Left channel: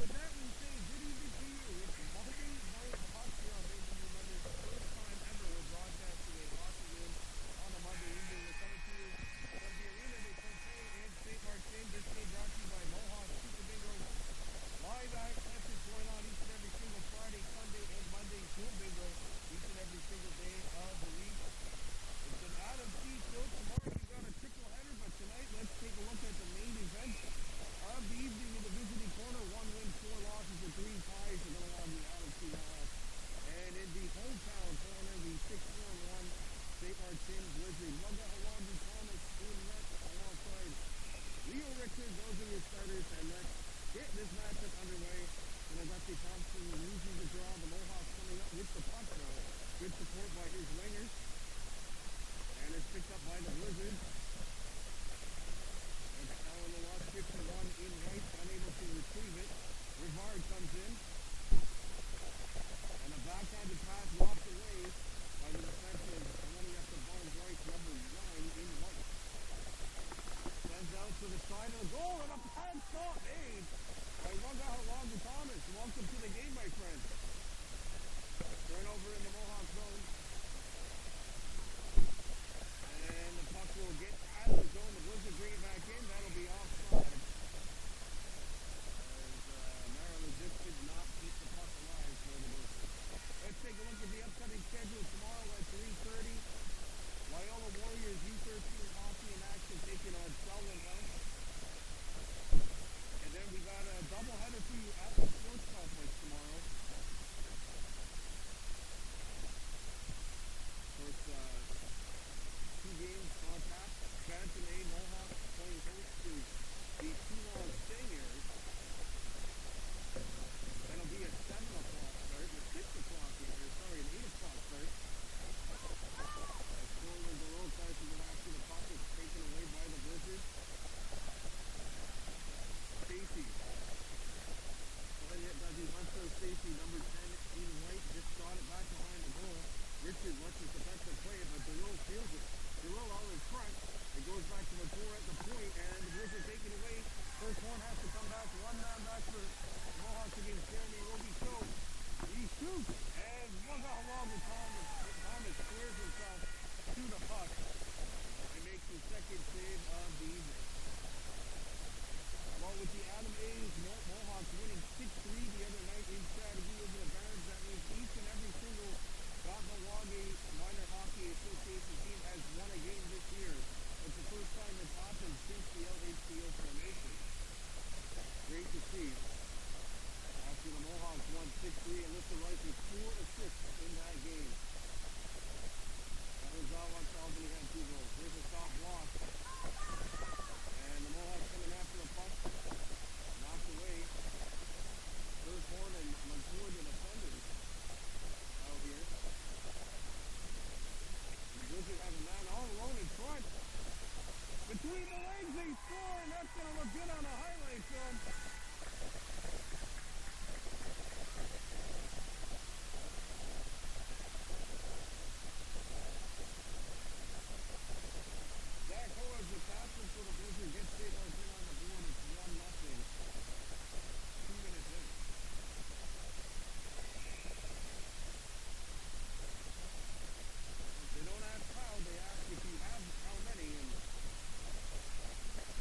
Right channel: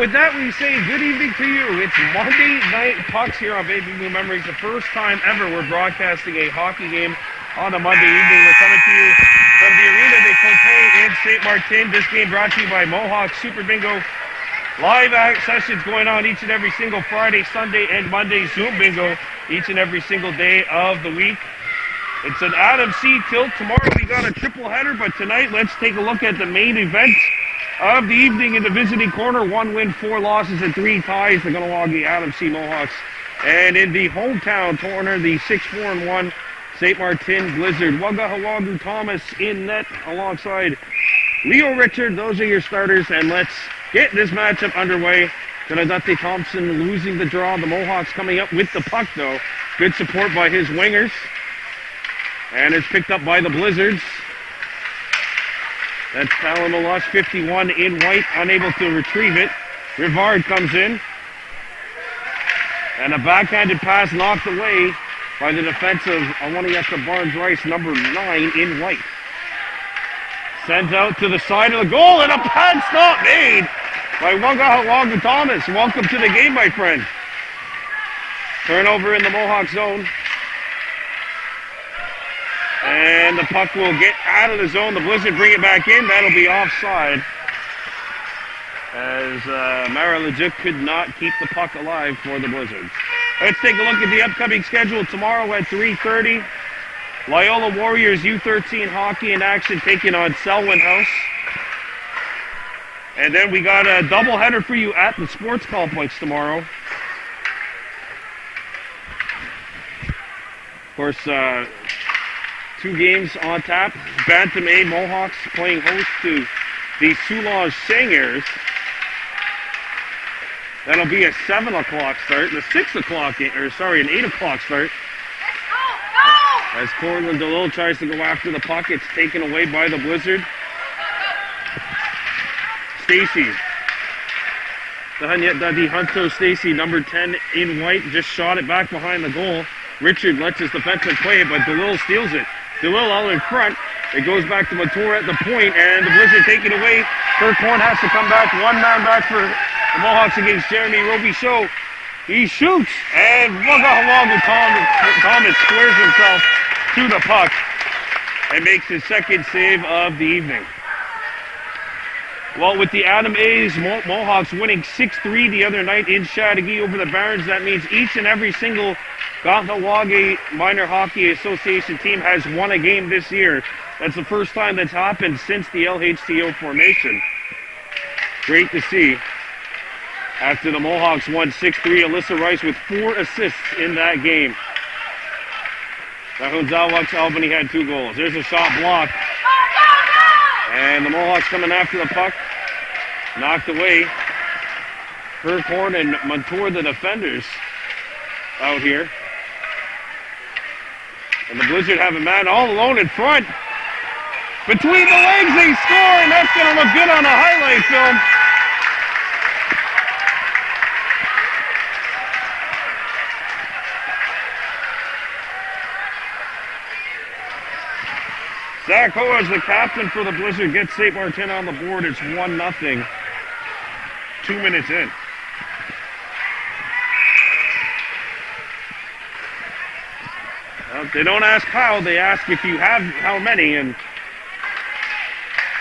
with that, we say good evening to you. It's Monday Night Pucks here on Baby Blue Memories. The first time ever we're broadcasting a hockey game on a Monday evening. We're coming to you from the Arena de Cote in Sainte Martine. This game brought to you by Mohawks Super Bingo. Live sessions going on each and every single Friday, Sunday, and Monday. Zoom Bingo each and every single day of the week. It's an Adam C. tilt. Tomorrow we got a triple header, but tonight let's take a look at the main event of the evening in the visiting corner. 1 win, 4 losses, and 3 ties. The Kahnawake Adam C. Mohawks. And in the hometown corner, the 6-4-1 Sainte Martine Blizzard. Wagahawagu Thomas in net alongside Leo Richard. Those are your starters, and let's get this matchup underway. Kahnawake Thompson losing the draw. The Mohawks coming up with the puck, though. Good support by his wingers. And it's picked up by the Blizzards. That's Palamalus, 51 in white, unable to retrieve it. Rivard comes in. And a backhanded pass knocked away by the defense of Kahnawake Barnes-Rice, number 9 in white. Sends out to the side of the goal, and a pad stop made by Wagahawagu Thomas. Welcome to the game, my friend. Turnover in the Mohawk zone. And the puck will get out of the zone. The Blizzard bring it back in. That'll be offside. As Mara could not keep the puck alive for the Blizzards. Let's take a look at the upcoming schedule. Tomorrow at 3:30, Loyola Warriors U13 hockey in action taking on Selwyn House. And then we got a doubleheader for you at the sports complex tomorrow. Of course, 2 games on tap. Bantam A Mohawks playing host to the Soulage Sangers. That'll be a 7 o'clock start, and a 6 o'clock, an 8 o'clock start. As Cortland DeLille tries to go after the puck, it's taken away by the Blizzard. Stacy. The Hunter Stacy, number 10 in white, just shot it back behind the goal. Richard lets his defenseman play it, but DeLille steals it. DeLille all in front. It goes back to Mature at the point, and the Blizzard take it away. Kirk Horn has to come back. 1 man back for the Mohawks against Jeremy Robichaud. He shoots, and Wagahawagu Thomas squares himself to the puck and makes his second save of the evening. Well, with the Adam A's Mohawks winning 6-3 the other night in Chateauguay over the Barons, that means each and every single Kahnawake Minor Hockey Association team has won a game this year. That's the first time that's happened since the LHTO formation. Great to see. After the Mohawks won 6-3, Alyssa Rice with 4 assists in that game. Nahunzawak's Albany had 2 goals. There's a shot blocked. And the Mohawks coming after the puck. Knocked away. Kirkhorn and Montour, the defenders, out here. And the Blizzard have a man all alone in front. Between the legs, they score, and that's going to look good on a highlight film. Zach Ho, as the captain for the Blizzard, gets Sainte Martine on the board. It's 1-0. 2 minutes in. They don't ask how, they ask if you have how many, and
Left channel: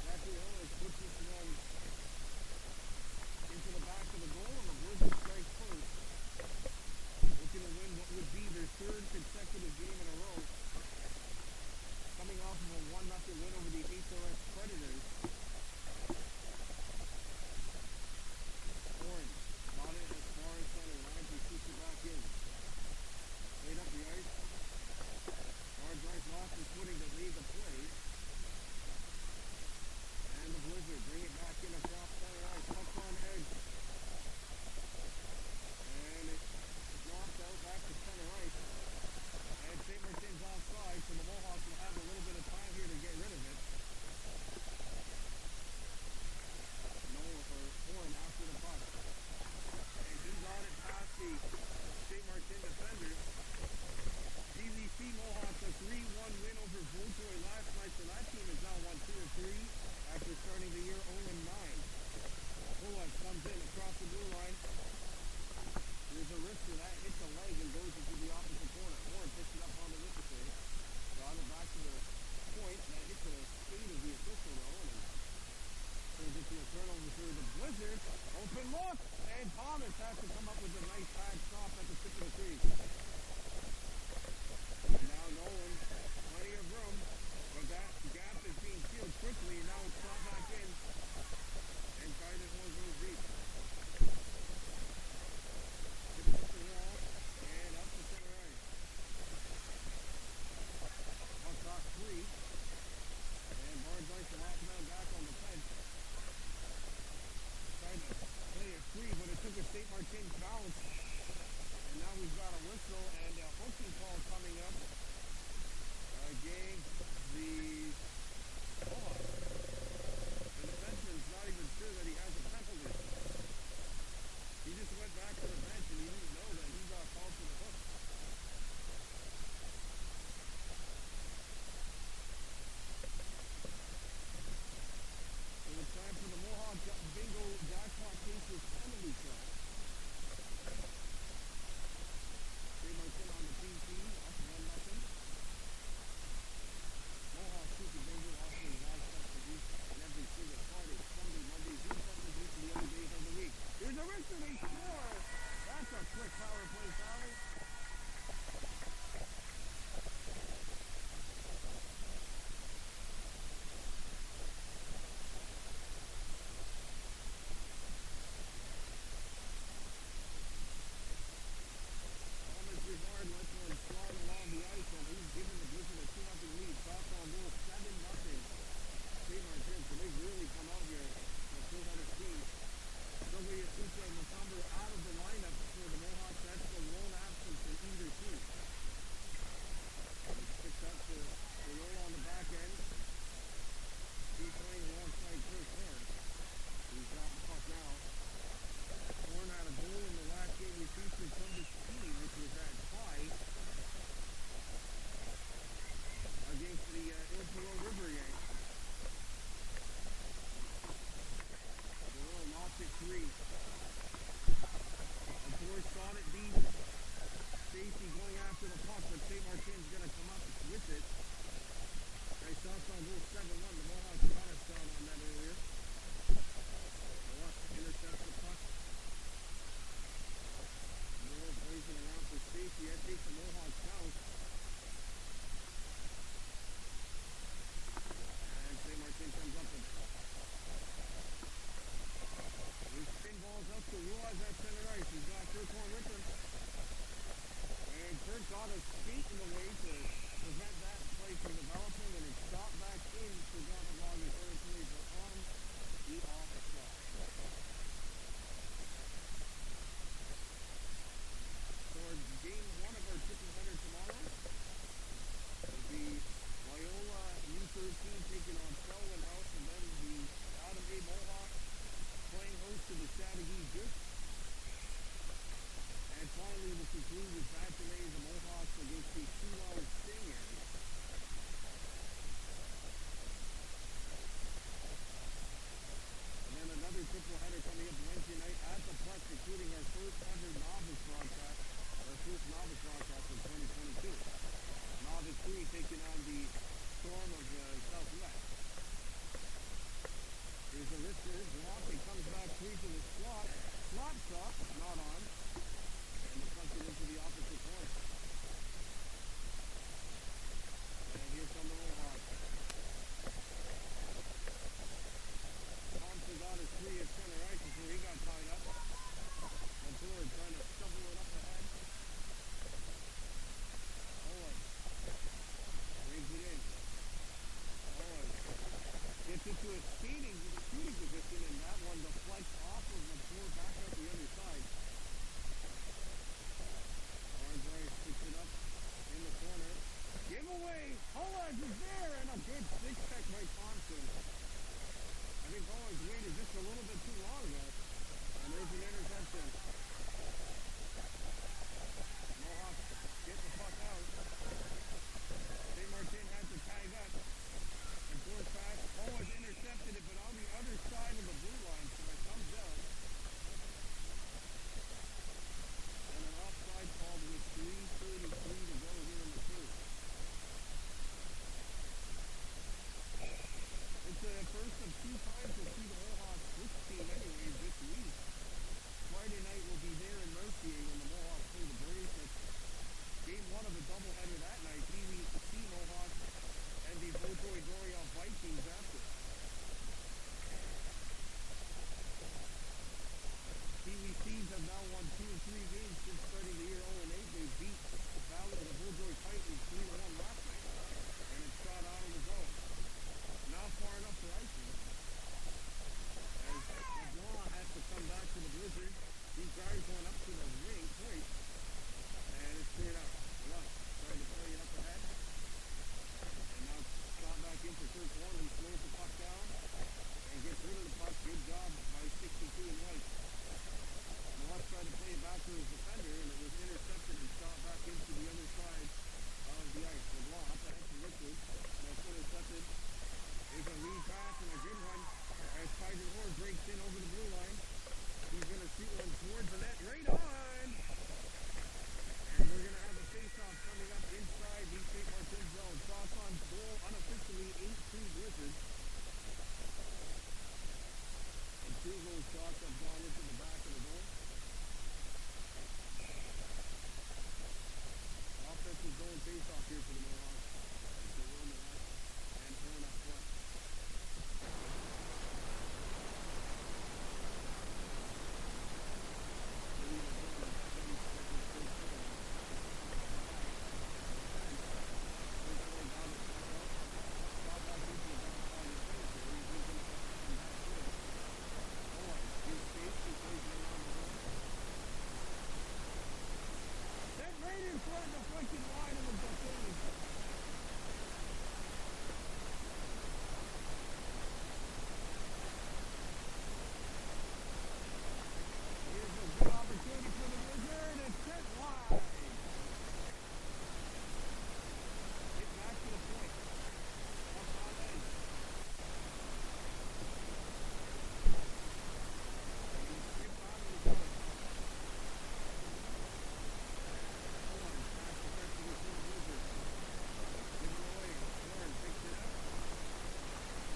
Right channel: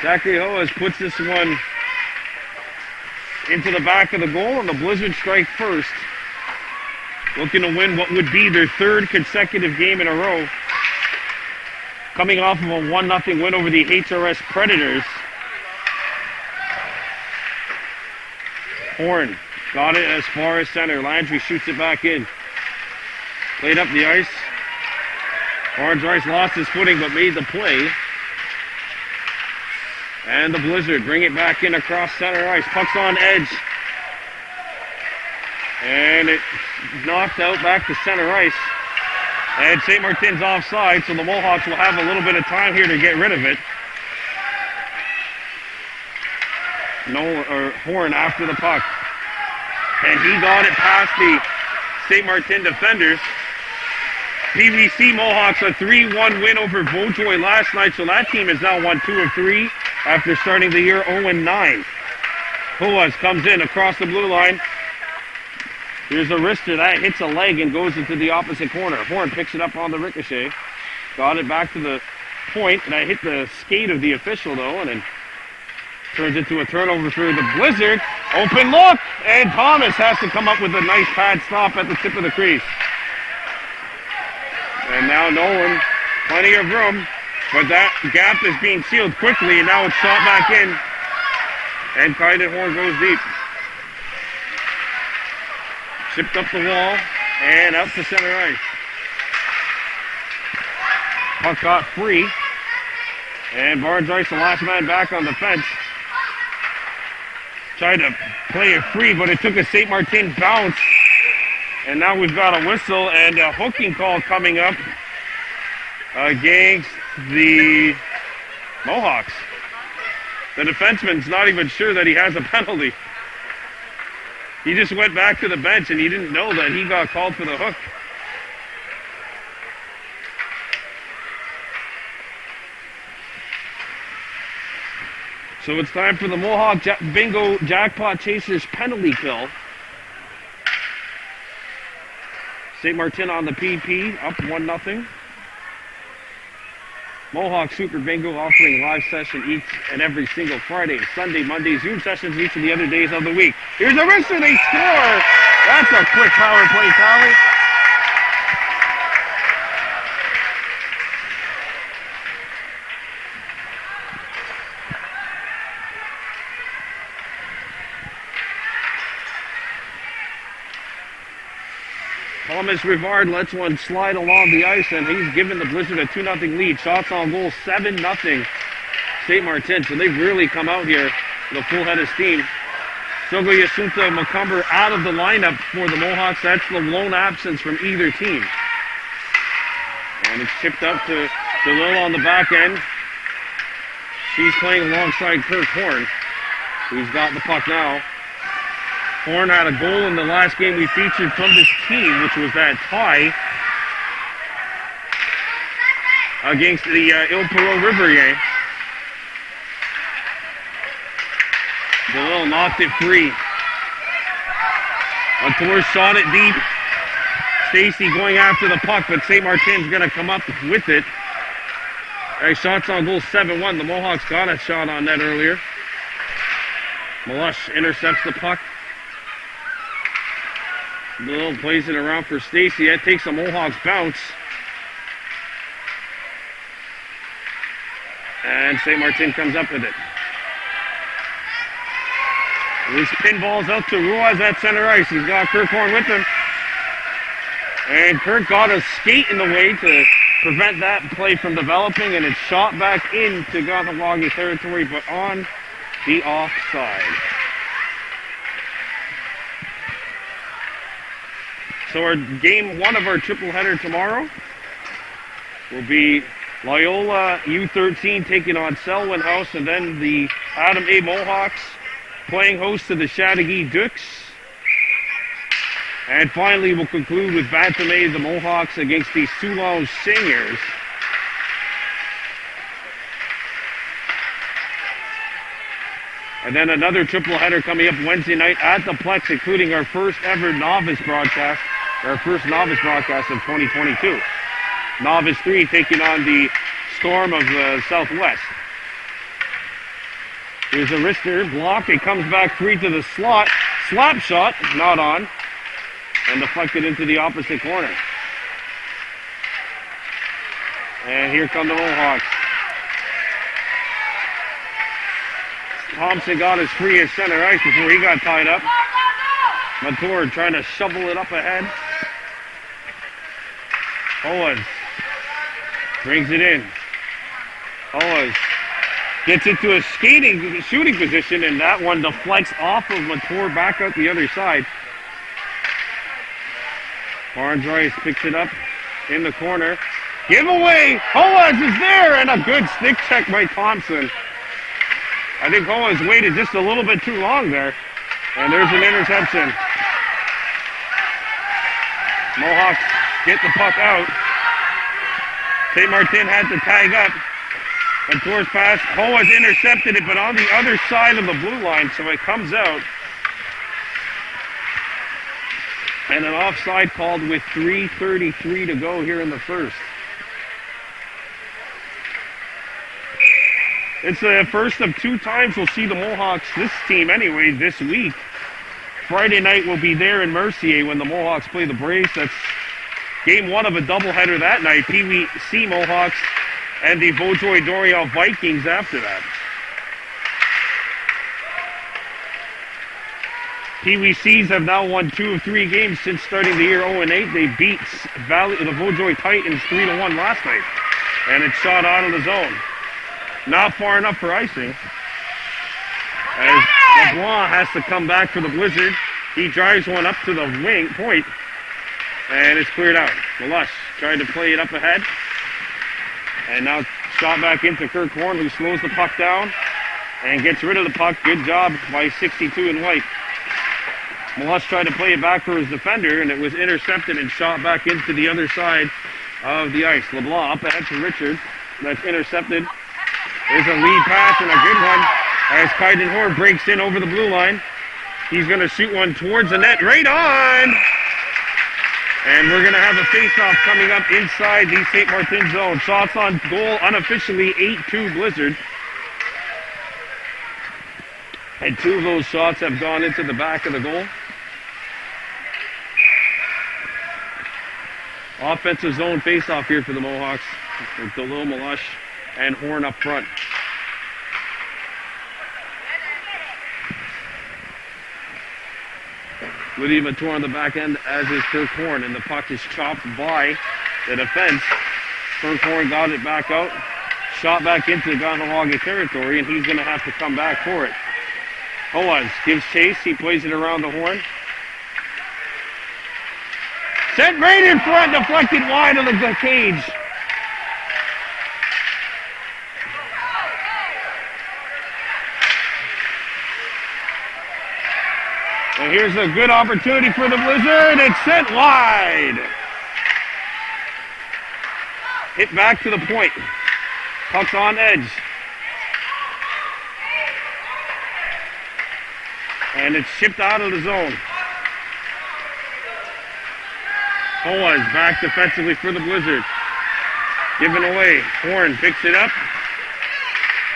Zachary Hoas puts this one into the back of the goal, and the Blizzard strike first, looking to win what would be their 3rd consecutive game in a row, coming off of a 1-0 win over the HRS Predators. Horn got it as far as center. Landry shoots it back in. Played up the ice. Barnes-Rice lost his footing but made the play. And the Blizzard bring it back in across center ice. Puck's on edge. And it knocked out back to center ice. And Sainte Martine's offside, so the Mohawks will have a little bit of time here to get rid of it. Horn after the puck. And he got it past the Sainte Martine defenders. PVC Mohawks a 3-1 win over Beaujoy last night, so that team has now won 2 of 3 after starting the year 0-9. Puas comes in across the blue line. Here's a wrister that hits a leg and goes into the opposite corner. Horn picks it up on the ricochet. Got it back to the point, and I hit the skate of the official though, and then turns into a turnover for the Blizzard. Open look, and Thomas has to come up with a nice pad stop at the tip of the crease. And now Nolan, plenty of room, but that gap is being sealed quickly, and now it's shot back in, and Kaiden Horn goes deep. Chipped up the wall, and out to center ice. Puck got free, and Barnes Rice, the last man back on the fence. Tried to play it free, but it took a Sainte Martine bounce. And now we've got a whistle and a hooking call coming up against the Mohawks. The defenseman's not even sure that he has a penalty. He just went back to the bench and he didn't know that he got called for the hook. So it's time for the Mohawk Bingo Jackpot Chasers penalty kill. Sainte Martine on the PP, up 1-0. Mohawk Super Bingo offering live session each and every single Friday, Sunday, Monday, Zoom sessions each of the other days of the week. Here's a wrister, they score! That's a quick power play tally. Thomas Rivard lets one slide along the ice, and he's given the Blizzard a 2-0 lead. Shots on goal, 7-0 Sainte Martine. So they've really come out here with a full head of steam. Sogo Yasunta Macumber out of the lineup for the Mohawks. That's the lone absence from either team. And it's chipped up to DeLille on the back end. She's playing alongside Kirk Horn, who's got the puck now. Horn had a goal in the last game we featured from this team, which was that tie against the Il Perot River game. DeLille knocked it free. Latour shot it deep. Stacy going after the puck, but Sainte Martine's going to come up with it. Shots on goal, 7-1. The Mohawks got a shot on net earlier. Malush intercepts the puck. DeLille plays it around for Stacy. That takes a Mohawks bounce. And Sainte Martine comes up with it. This pinball's out to Ruiz at center ice. He's got Kirk Horn with him. And Kirk got a skate in the way to prevent that play from developing, and it's shot back into Kahnawake territory, but on the offside. So our game one of our triple header tomorrow will be Loyola U13 taking on Selwyn House, and then the Adam A. Mohawks playing host to the Chateauguay Dukes. And finally, we'll conclude with Bantamé, the Mohawks against the Soulange Seniors. And then another triple header coming up Wednesday night at the Plex, including our first ever novice broadcast. Our first novice broadcast of 2022. Novice 3 taking on the Storm of the Southwest. Here's a wrister block. It comes back free to the slot. Slap shot, not on. And deflected into the opposite corner. And here come the Mohawks. Thompson got his free at center ice before he got tied up. Latour trying to shovel it up ahead. Owens brings it in. Owens gets into a shooting position, and that one deflects off of Latour back out the other side. Barnes Rice picks it up in the corner. Giveaway! Owens is there, and a good stick check by Thompson. I think Owens waited just a little bit too long there, and there's an interception. Mohawks get the puck out. Sainte Martine had to tag up. Montour's pass, Hoa has intercepted it, but on the other side of the blue line, so it comes out. And an offside called with 3:33 to go here in the first. It's the first of 2 times we'll see the Mohawks, this team anyway, this week. Friday night will be there in Mercier when the Mohawks play the Braves. That's game 1 of a doubleheader that night. Pee Wee C Mohawks and the Beaujoy Doriel Vikings after that. Pee Wee C's have now won 2 of 3 games since starting the year 0-8. They beat the Beaujoy Titans 3-1 last night. And it's shot out of the zone. Not far enough for icing. As LeBlanc has to come back for the Blizzard. He drives one up to the wing point. And it's cleared out. Melush tried to play it up ahead. And now shot back into Kirk Horn, who slows the puck down and gets rid of the puck. Good job by 62 in white. Melush tried to play it back for his defender, and it was intercepted and shot back into the other side of the ice. LeBlanc up ahead to Richard. That's intercepted. There's a lead pass and a good one as Kaiden Horn breaks in over the blue line. He's going to shoot one towards the net, right on! And we're going to have a face-off coming up inside the St. Martin zone. Shots on goal unofficially 8-2 Blizzard. And 2 of those shots have gone into the back of the goal. Offensive zone face-off here for the Mohawks with Delil, Melush, and Horn up front. Lydia Montour on the back end, as is Kirk Horn, and the puck is chopped by the defense. Kirk Horn got it back out, shot back into the Kahnawake territory, and he's going to have to come back for it. Hoaz gives chase, he plays it around the horn. Sent right in front, deflected wide of the cage. And here's a good opportunity for the Blizzard. It's sent wide. Hit back to the point. Puck's on edge. And it's shipped out of the zone. Hoaz back defensively for the Blizzard. Given away. Horn picks it up.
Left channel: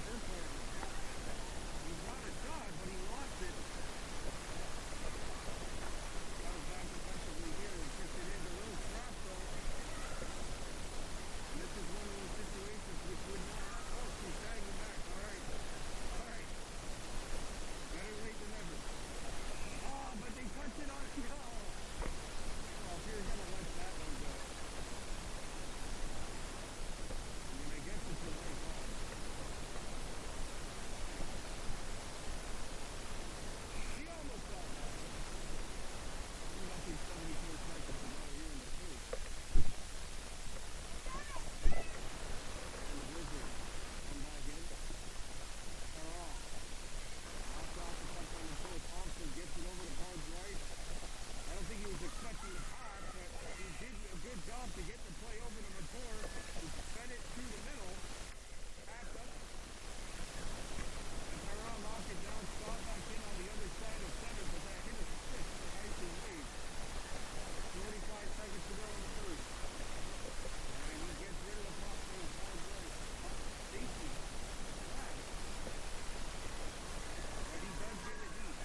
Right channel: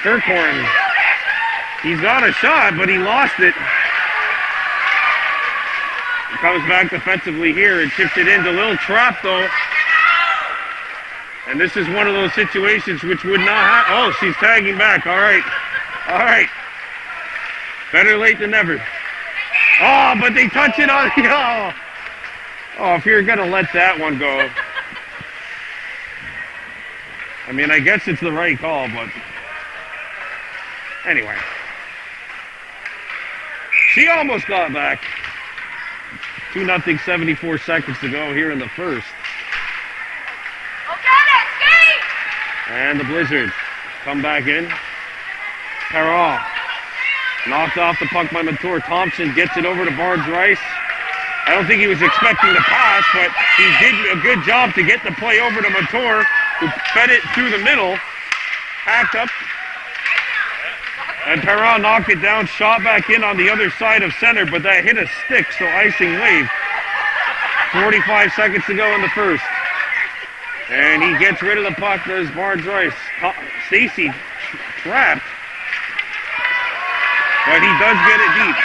Kirk Horn. He's got a shot, but he lost it. Comes back defensively here and chips it in. Delil trap though. And this is one of those situations which would not happen. Oh, she's tagging back. All right. All right. Better late than never. Oh, but they touch it on. Oh, if you're going to let that one go. I mean, I guess it's the right call, but anyway. She almost got back. 2-0, 74 seconds to go here in the first. And the Blizzard come back in. Perrault knocked off the puck by Montour. Thompson gets it over to Barnes Rice. I don't think he was expecting the pass, but he did a good job to get the play over to Montour, who fed it through the middle, hacked up, and Perrault knocked it down, shot back in on the other side of center, but that hit a stick, so icing wave. 45 seconds to go in the first. And he gets rid of the puck. There's Barnes Rice. Stacy trapped, but he does get it deep.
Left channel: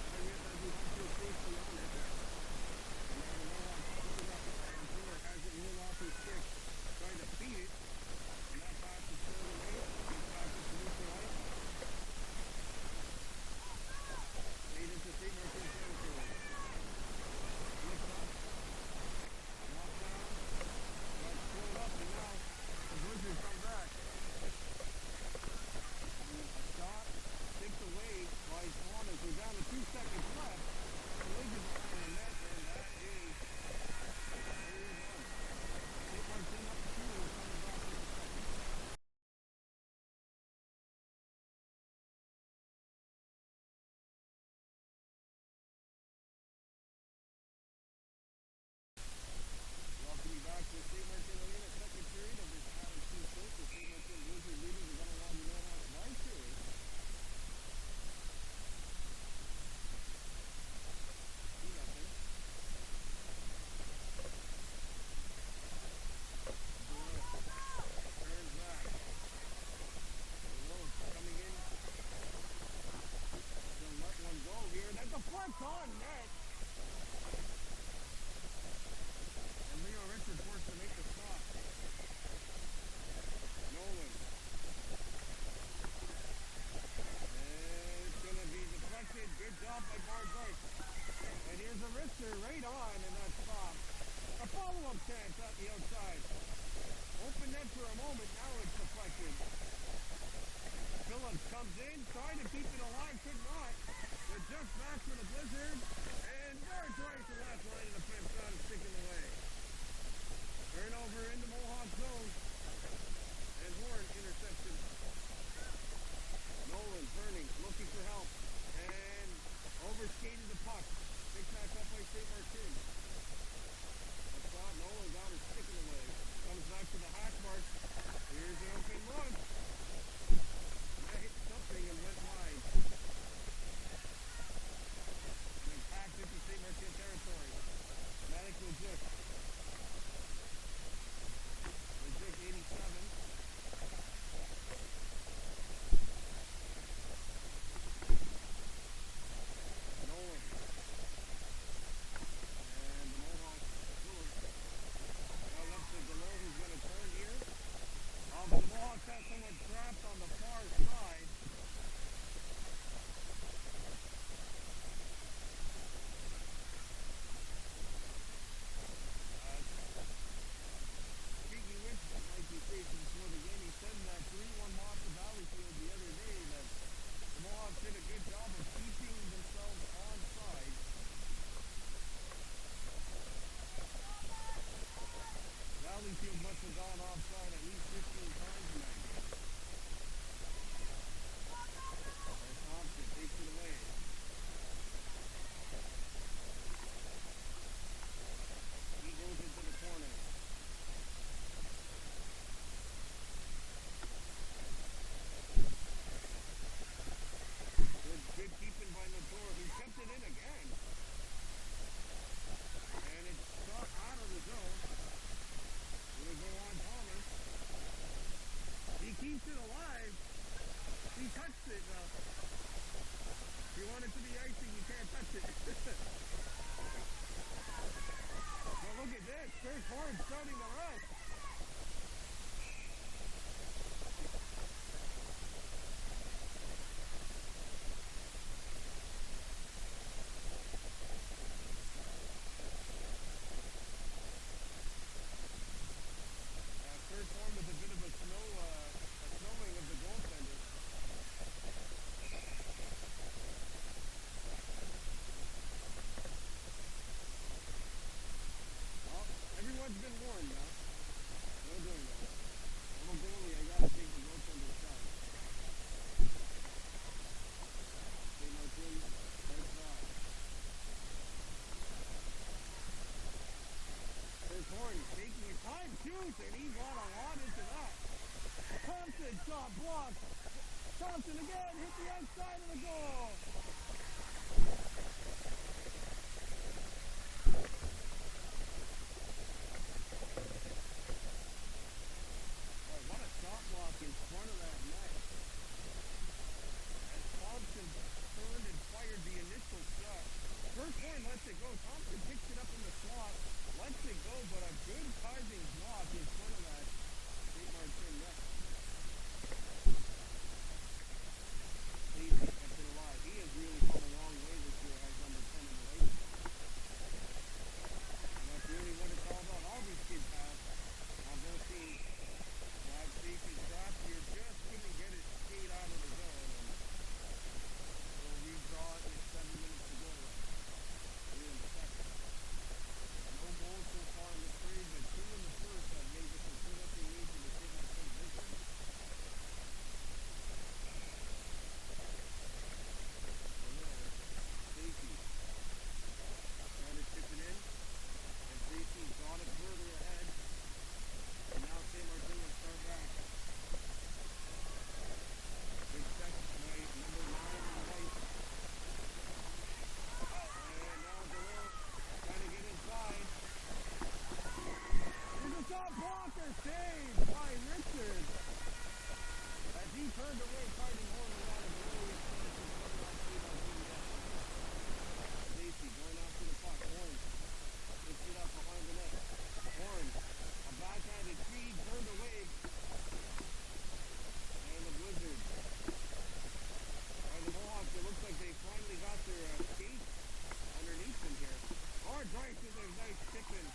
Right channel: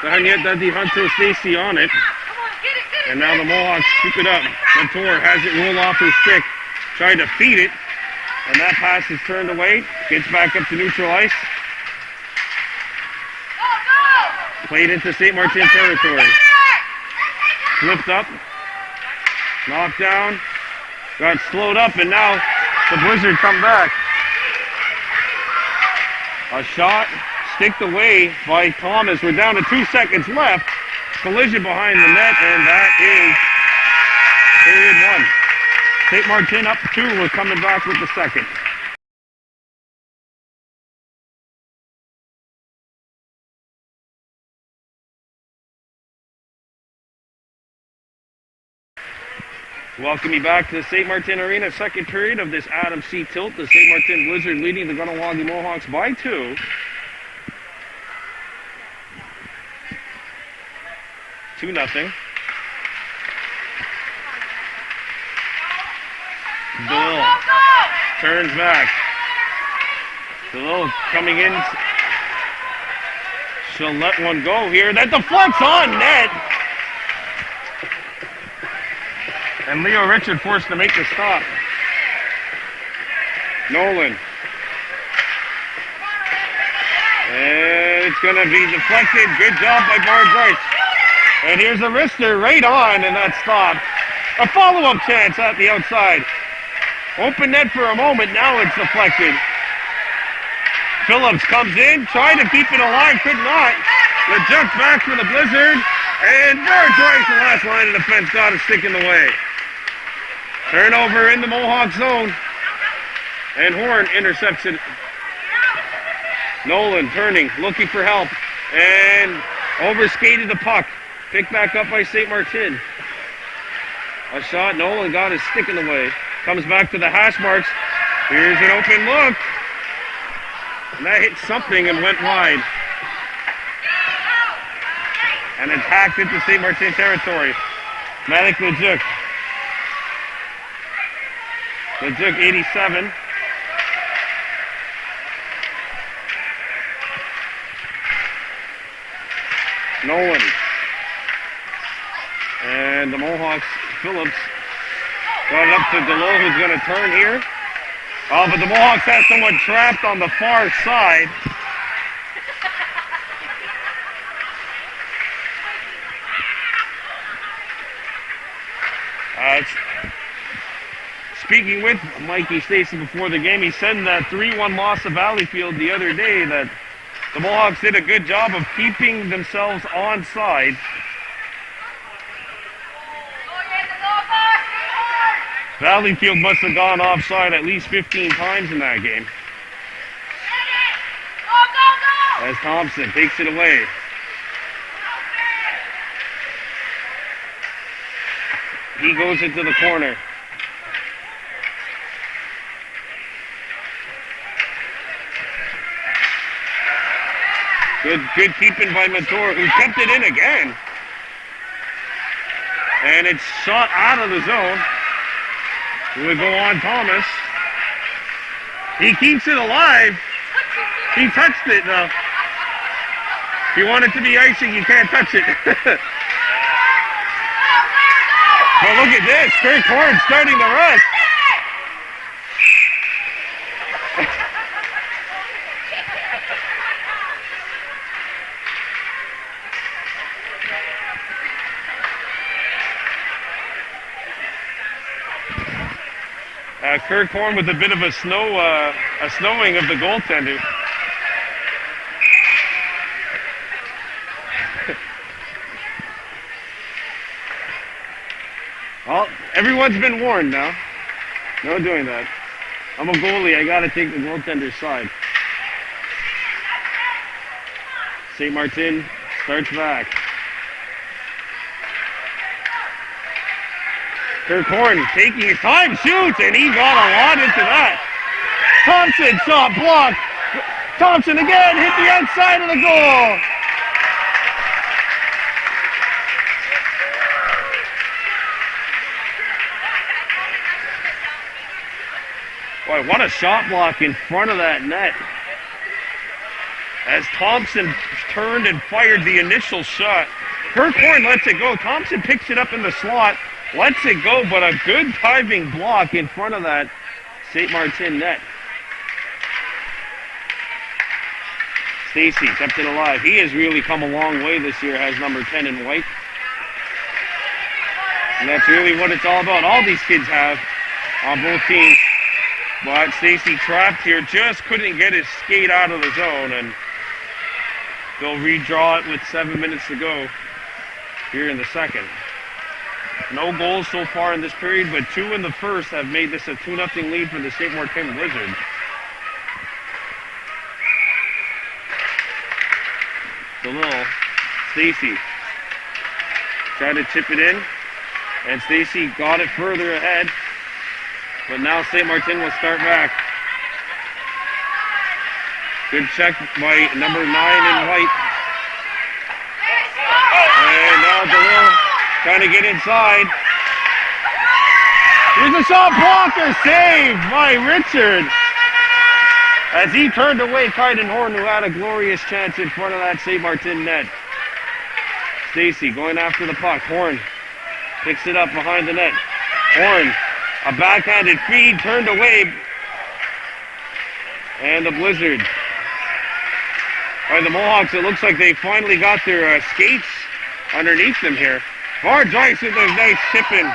Dadi Hunter Stacy on it. And now the Mohawks scoop it up. Montour has it roll off his stick. Tried to feed it. And that pass is turned away. Gets back up to neutral ice. Played into St. Martin territory. Flipped up. Knocked down. Got slowed up, and now the Blizzard come back. A shot sticked away by Thomas. We're down to 2 seconds left. Collision behind the net, and that is period 1. St. Martin up 2. We're coming back with the second. Welcome you back to the St. Martin Arena, second period of this Adam C. Tilt. The St. Martin Blizzard leading the Kahnawake Mohawks by 2. Two nothing. DeLille turns back. DeLille coming in. She'll let one go here. That deflects on net. And Leo Richard forced to make the stop. Nolan. And it's going to be deflected. Good job by Barnes Rice. And here's a wrister right on, and that stopped. A follow-up chance at the outside. Open net for a moment. Now it's deflected. Phillips comes in, tried to keep it alive, could not. The jump back for the Blizzard. And Barnes Rice, the last line of defense, got a stick in the way. Turnover in the Mohawk zone. And Horn intercepts it. Nolan turning, looking for help. And overskated the puck. Picked back up by St. Martin. A shot, Nolan got his stick in the way. Comes back to the hash marks. Here's an open look. And that hit something and went wide. And it's hacked into St. Martin territory. Malik Lejuk. Lejuk 87. Nolan. And the Mohawks, Phillips, got it up to DeLille, who's going to turn here. Oh, but the Mohawks have someone trapped on the far side. Speaking with Mikey Stacy before the game, he said in that 3-1 loss to Valleyfield the other day that the Mohawks did a good job of keeping themselves onside. Valleyfield must have gone offside at least 15 times in that game. As Thompson takes it away. He goes into the corner. Good keeping by Mator, who kept it in again. And it's shot out of the zone. It would go on Thomas. He keeps it alive. He touched it though. If you want it to be icing, you can't touch it. But look at this. Kirk Horn starting to rush. Kirk Horn with a bit of a snowing of the goaltender. Well, everyone's been warned now. No doing that. I'm a goalie. I got to take the goaltender's side. St. Martin starts back. Kirk Horn taking his time, shoots, and he got a lot into that. Thompson shot blocked. Thompson again hit the outside of the goal. Boy, what a shot block in front of that net. As Thompson turned and fired the initial shot. Kirk Horn lets it go. Thompson picks it up in the slot. Lets it go, but a good diving block in front of that St. Martin net. Stacy kept it alive. He has really come a long way this year, has number 10 in white. And that's really what it's all about. All these kids have on both teams. But Stacy trapped here, just couldn't get his skate out of the zone, and they'll redraw it with 7 minutes to go here in the second. No goals so far in this period, but 2 in the first have made this a 2-0 lead for the St. Martin Blizzard. DeLille, Stacy, try to chip it in. And Stacy got it further ahead. But now St. Martin will start back. Good check by number 9 in white. And now DeLille trying to get inside. Here's a shot blocker, saved by Richard. As he turned away Kaiden Horn, who had a glorious chance in front of that St. Martin net. Stacy going after the puck. Horn picks it up behind the net. Horn, a backhanded feed, turned away. And the Blizzard. By the Mohawks, it looks like they finally got their skates underneath them here. Hard ice with a nice tip in.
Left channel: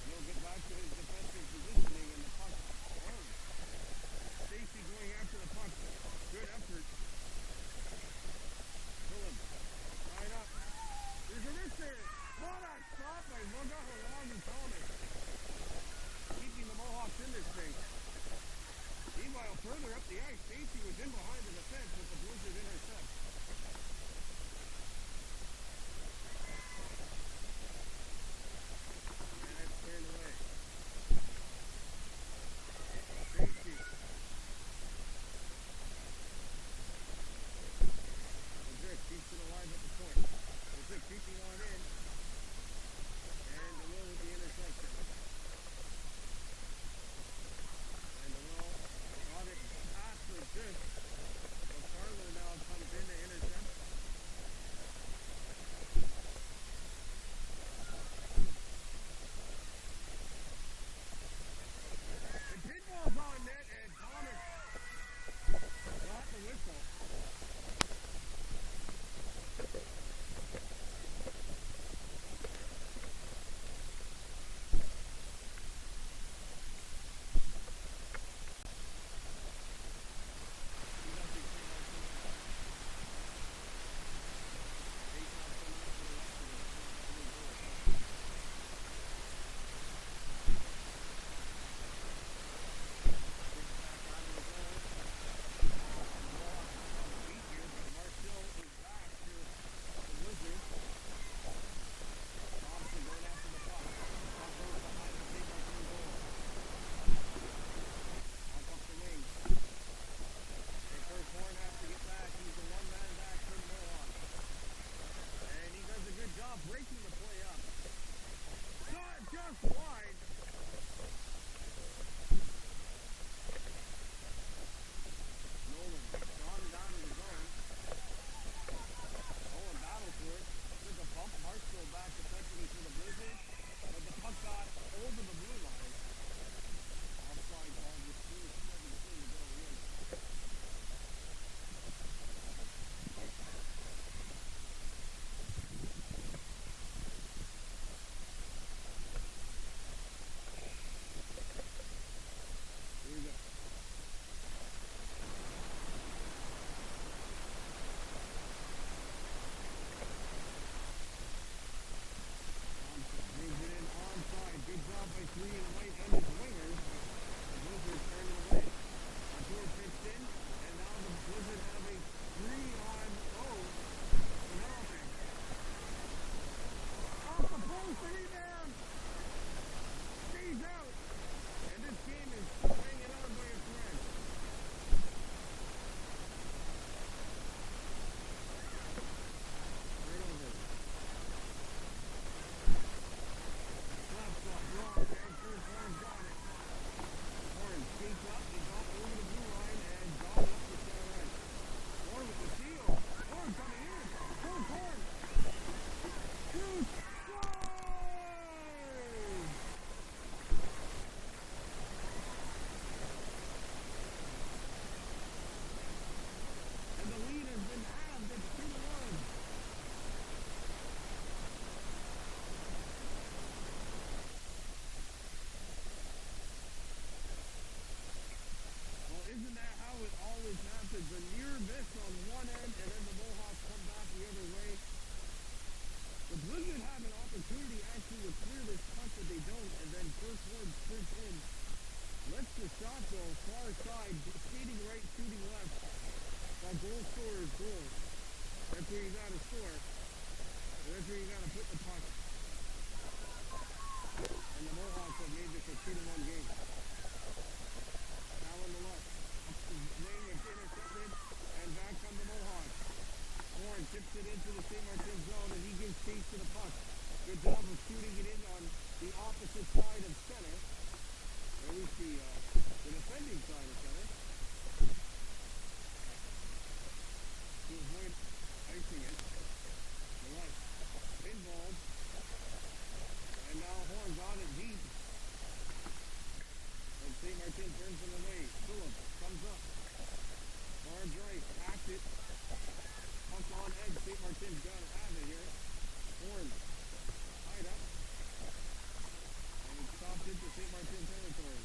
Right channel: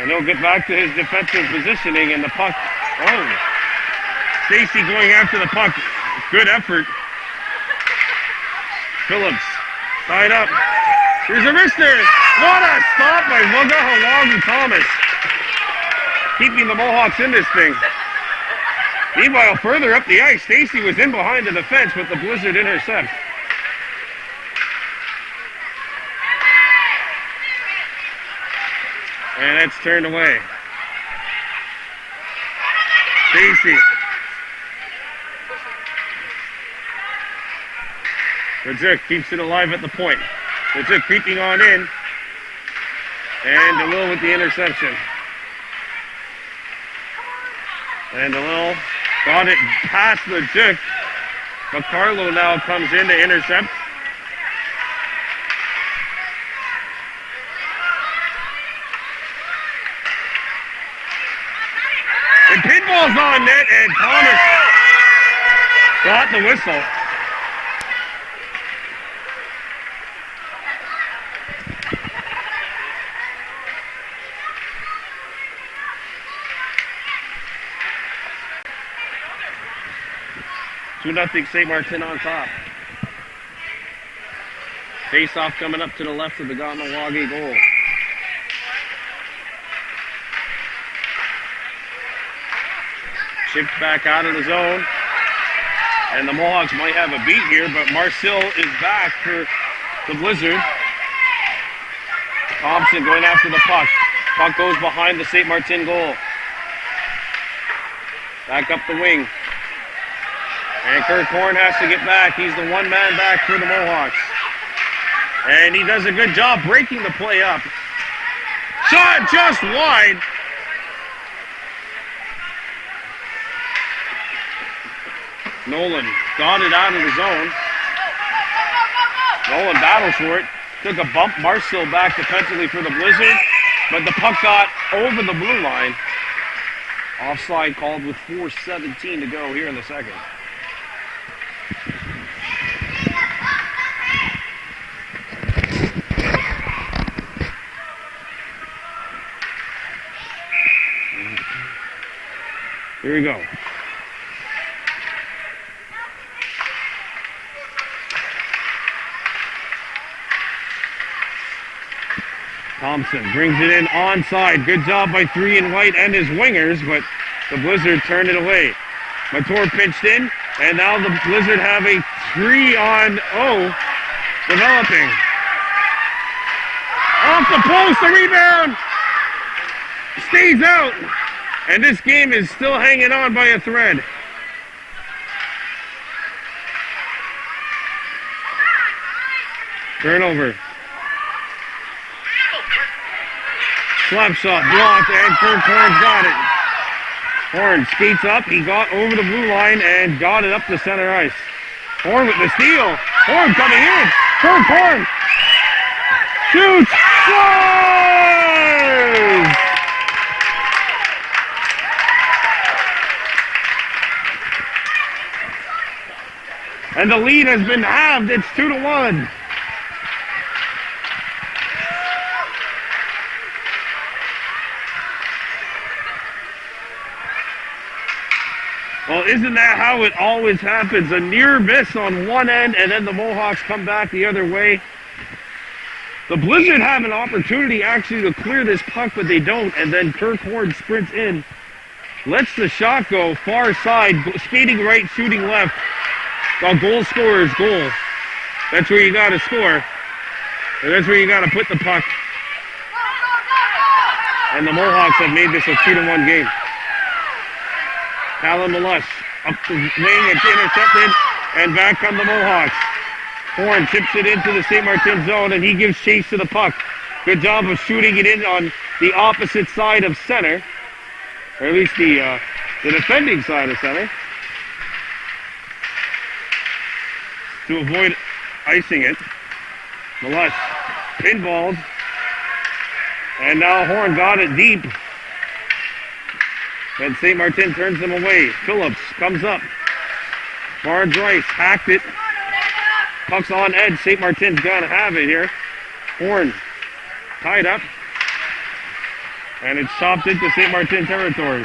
And he'll get back to his defensive positioning, and the puck. Oh, Stacy going after the puck. Good effort. Phillips tied up. Here's a wrister. What a stop by Wagahawagu Thomas. Keeping the Mohawks in this thing. Meanwhile, further up the ice, Stacy was in behind the defense, but the Blizzard intercept. And that's turned away. Stacy. Rajuk keeps it alive at the point. Rajuk creeping on in. And DeLille with the interception. And DeLille got it past Rajuk. But Carlo now comes in to intercept. And pinball's on net, and Thomas got the whistle. Nothing. St. Martin on top. Face-off coming up to the left of the Kahnawake goal. Chipped back out of the zone. And the Mohawks might have a beat here, but Marcel is back for the Blizzard. Thompson going after the puck. Puck goes behind the St. Martin goal. Back up the wing. And Kirk Horn has to get back. He's the one-man back for the Mohawks. And he does a good job breaking the play up. Shot just wide. Nolan got it out of the zone. Nolan battles for it. Took a bump. Marcel back defensively for the Blizzard. But the puck got over the blue line. Offside called with 4:17 to go here in the second. Here we go. Thompson brings it in onside. Good job by 3 in white and his wingers, but the Blizzard turned it away. Mator pinched in, and now the Blizzard have a 3-on-0 developing. Off the post, the rebound! Stays out! And this game is still hanging on by a thread. Turnover. Slap shot blocked, and Kirk Horn's got it. Horn skates up. He got over the blue line and got it up to center ice. Horn with the steal. Horn coming in. Kirk Horn. Shoots. Scores! And the lead has been halved. It's 2-1. Well, isn't that how it always happens? A near miss on one end, and then the Mohawks come back the other way. The Blizzard have an opportunity actually to clear this puck, but they don't, and then Kirk Horn sprints in, lets the shot go far side, skating right, shooting left. A goal scorer's goal. That's where you got to score. And that's where you got to put the puck. And the Mohawks have made this a 2-1 game. Alan Malush up the wing, it's intercepted, and back come the Mohawks. Horn tips it into the St. Martin zone, and he gives chase to the puck. Good job of shooting it in on the opposite side of center, or at least the defending side of center, to avoid icing it. Malush pinballs, and now Horn got it deep. And St. Martin turns them away. Phillips comes up. Barnes Rice hacked it. Puck's on edge. St. Martin's gonna have it here. Horn tied up. And it's chopped into St. Martin territory.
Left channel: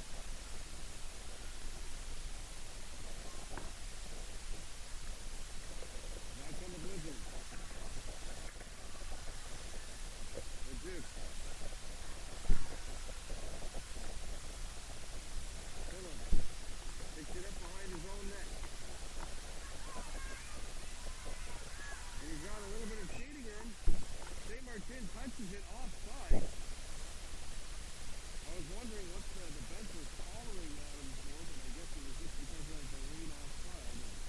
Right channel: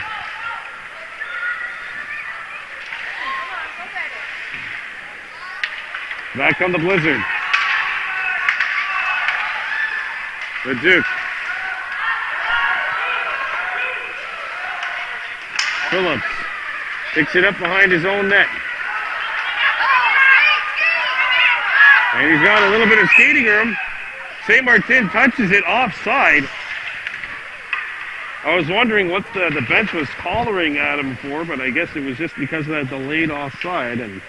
Back on the Blizzard. The Duke. Phillips picks it up behind his own net. And he's got a little bit of skating room. St. Martin touches it offside. I was wondering what the bench was collaring at him for, but I guess it was just because of that delayed offside, and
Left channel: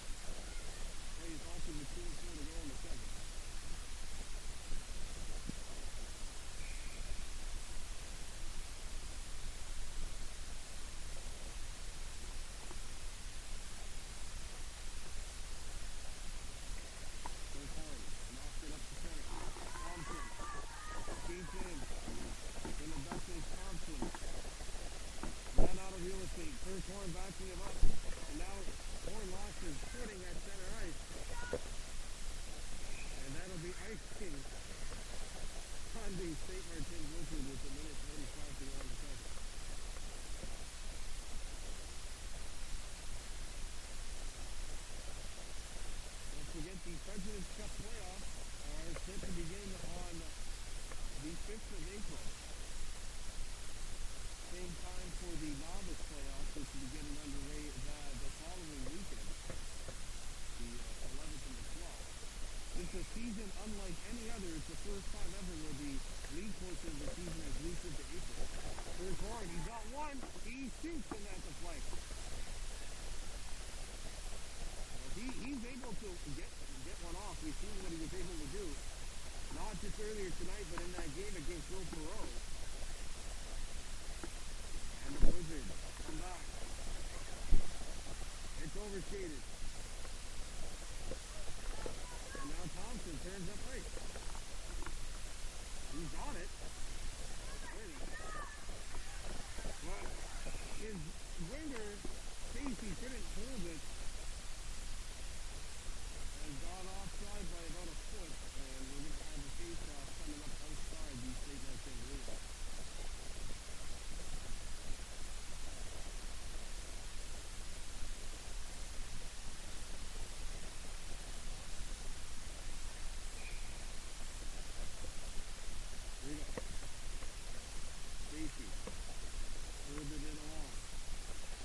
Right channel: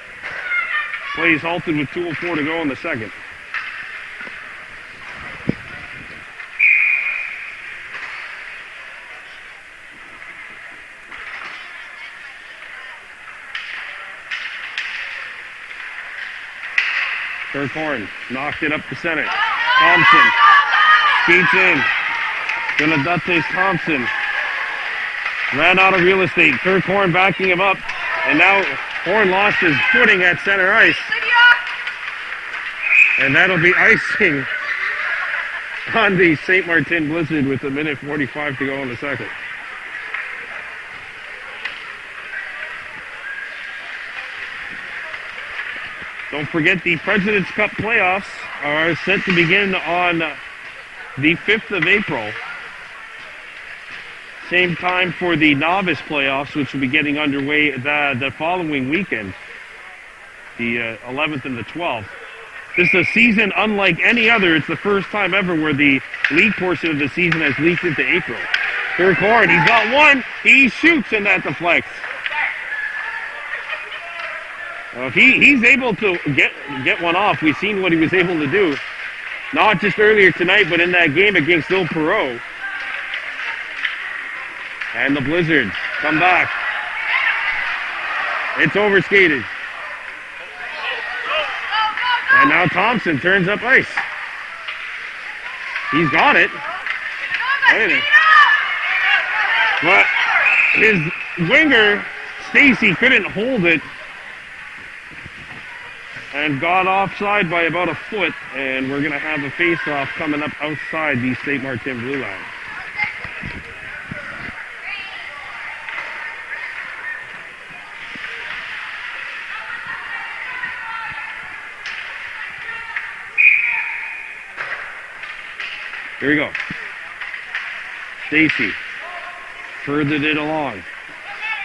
plays halted with 2:04 to go in the second. Kirk Horn knocked it up the center. Thompson skates in. Donadates Thompson ran out of real estate. Kirk Horn backing him up. And now Horn lost his footing at center ice. And that'll be icing on the St. Martin Blizzard with 1:45 to go in the second. Don't forget, the President's Cup playoffs are set to begin on the 5th of April. Same time for the novice playoffs, which will be getting underway the following weekend, the 11th and the 12th. This is a season unlike any other. It's the first time ever where the league portion of the season has leaked into April. Kirk Horn, he's got one. He shoots, and that deflects. If he's able to get one off, we've seen what he was able to do. Not just earlier tonight, but in that game against Bill Perot. And the Blizzards come back. It's overskated. And now Thompson turns up ice. He's got it. But his winger, Stacy, couldn't hold it. And got offside by about a foot, and we're going to have a face-off coming up outside the St. Martin blue line. Here we go. Stacy furthered it along.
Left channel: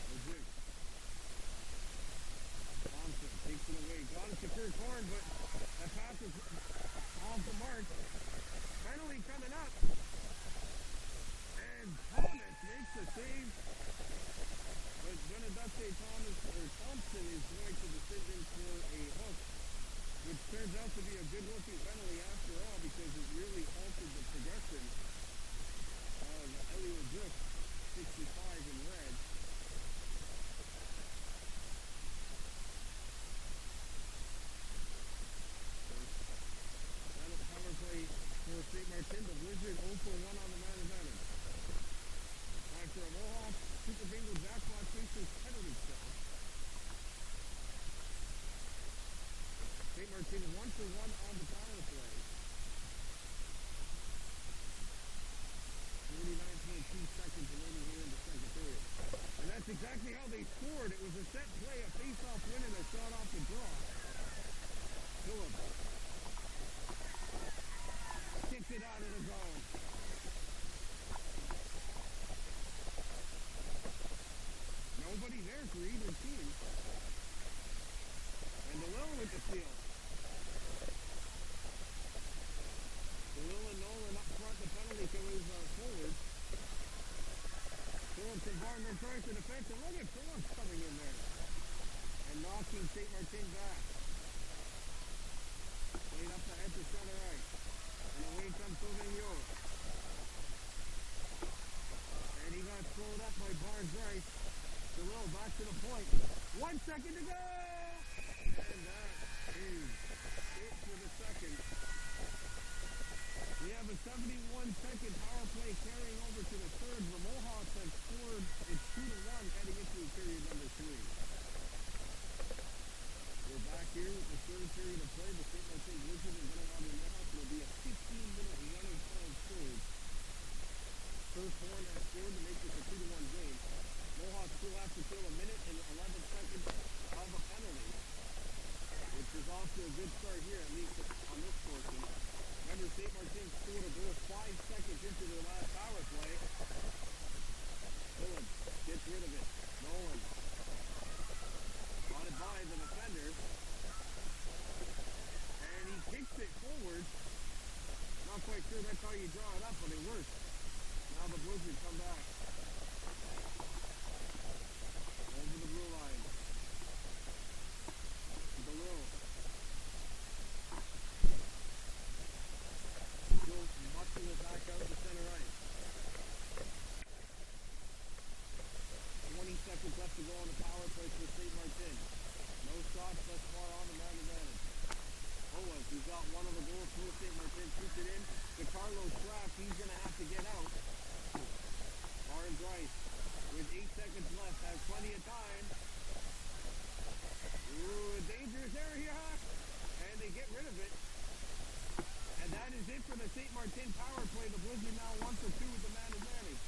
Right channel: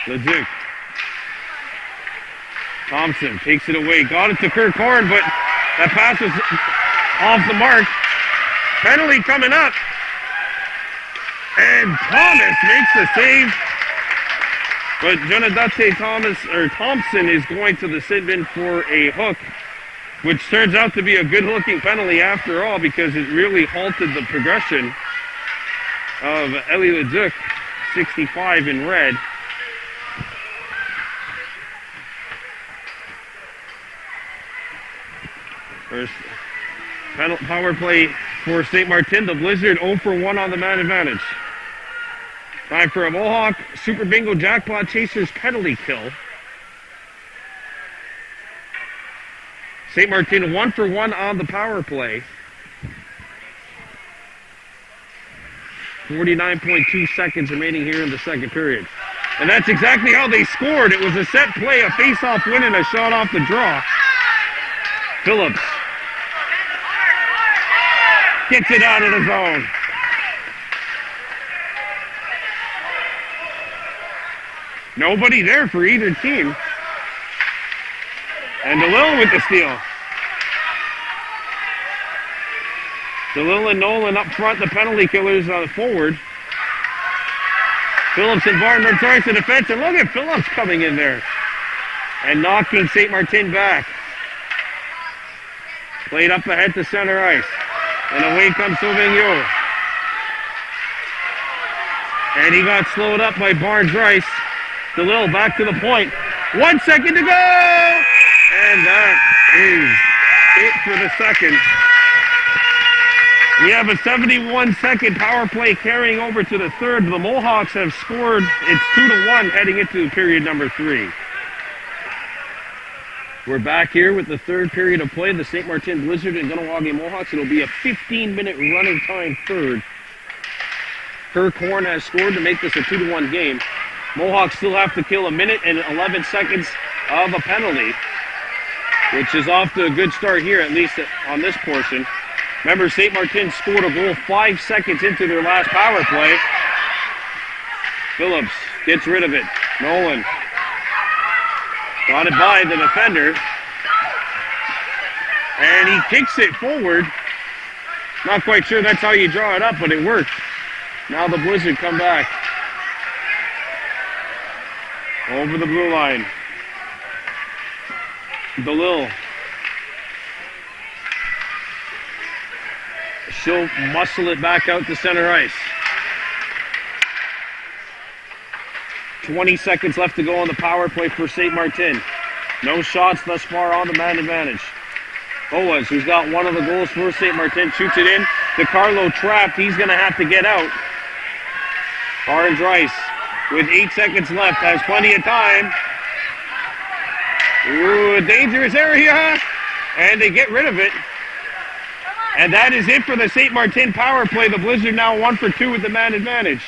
Leduc. Thompson takes it away. Got it to Kirk Horn, but that pass was off the mark. Penalty coming up. And Thomas makes the save. But Jonadate Thompson is going to the sit bin for a hook, which turns out to be a good-looking penalty after all, because it really halted the progression of Elie Leduc, 65 in red. First power play for St. Martin. The Blizzard 0 for 1 on the man advantage. Time for a Mohawk Super Bingo Jackpot Chasers penalty kill. St. Martin 1 for 1 on the power play. 49.2 seconds remaining here in the second period. And that's exactly how they scored. It was a set play, a face-off win, and a shot off the draw. Phillips gets it out of the zone. Nobody there for either team. And DeLille with the steal. DeLille and Nolan up front, the penalty killers forward. Phillips and Barnard starts the defense, and look at Phillips coming in there and knocking St. Martin back. Played up ahead to center ice. And away comes Sauvignon. And he got slowed up by Barnes-Rice. DeLille back to the point. 1 second to go! And that is it for the second. We have a 71-second power play carrying over to the third. The Mohawks have scored. It's 2-1 heading into period number 3. We're back here with the third period of play. The St. Martin Blizzard and Kahnawake Mohawks. It'll be a 15-minute running time third. Kirk Horn has scored to make this a 2-1 game. Mohawks still have to kill 1 minute and 11 seconds of a penalty, which is off to a good start here, at least on this portion. Remember, St. Martin scored a goal 5 seconds into their last power play. Phillips gets rid of it. Nolan got it by the defender. And he kicks it forward. Not quite sure that's how you draw it up, but it worked. Now the Blizzard come back. Over the blue line. DeLille. She'll muscle it back out to center ice. 20 seconds left to go on the power play for St. Martin. No shots thus far on the man advantage. Boas, who's got one of the goals for St. Martin, shoots it in. DeCarlo trapped. He's going to have to get out. Barnes-Rice with 8 seconds left has plenty of time. Ooh, a dangerous area. And they get rid of it. And that is it for the St. Martin power play. The Blizzard now 1 for 2 with the man advantage.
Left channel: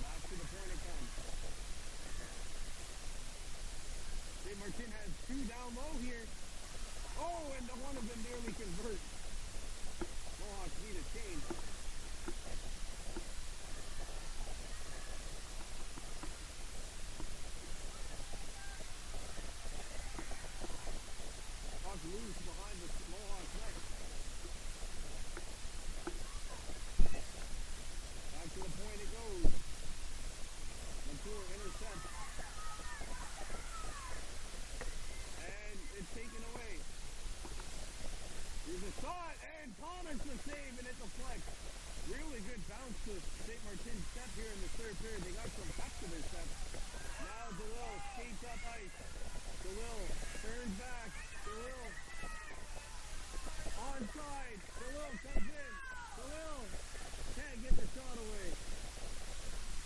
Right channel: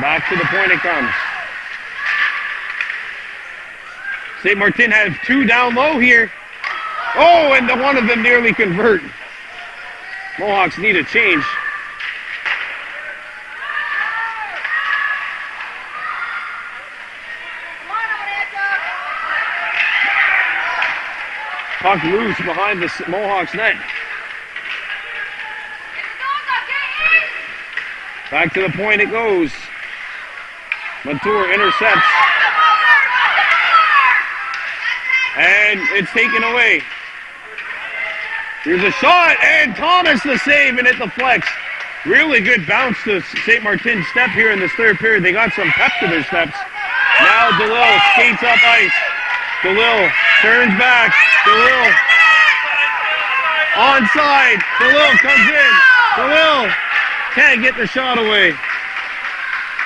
Back to the point it comes. St. Martin has 2 down low here. Oh, and one of them nearly convert. Mohawks need a change. Puck loose behind the Mohawks net. Back to the point it goes. Montour intercepts. And it's taken away. Here's a shot, and Thomas the save, and it deflects. Really good bounce to St. Martin's step here in this third period. They got some pep to their steps. Now DeLille skates up ice. DeLille turns back. DeLille onside. DeLille comes in. DeLille can't get the shot away.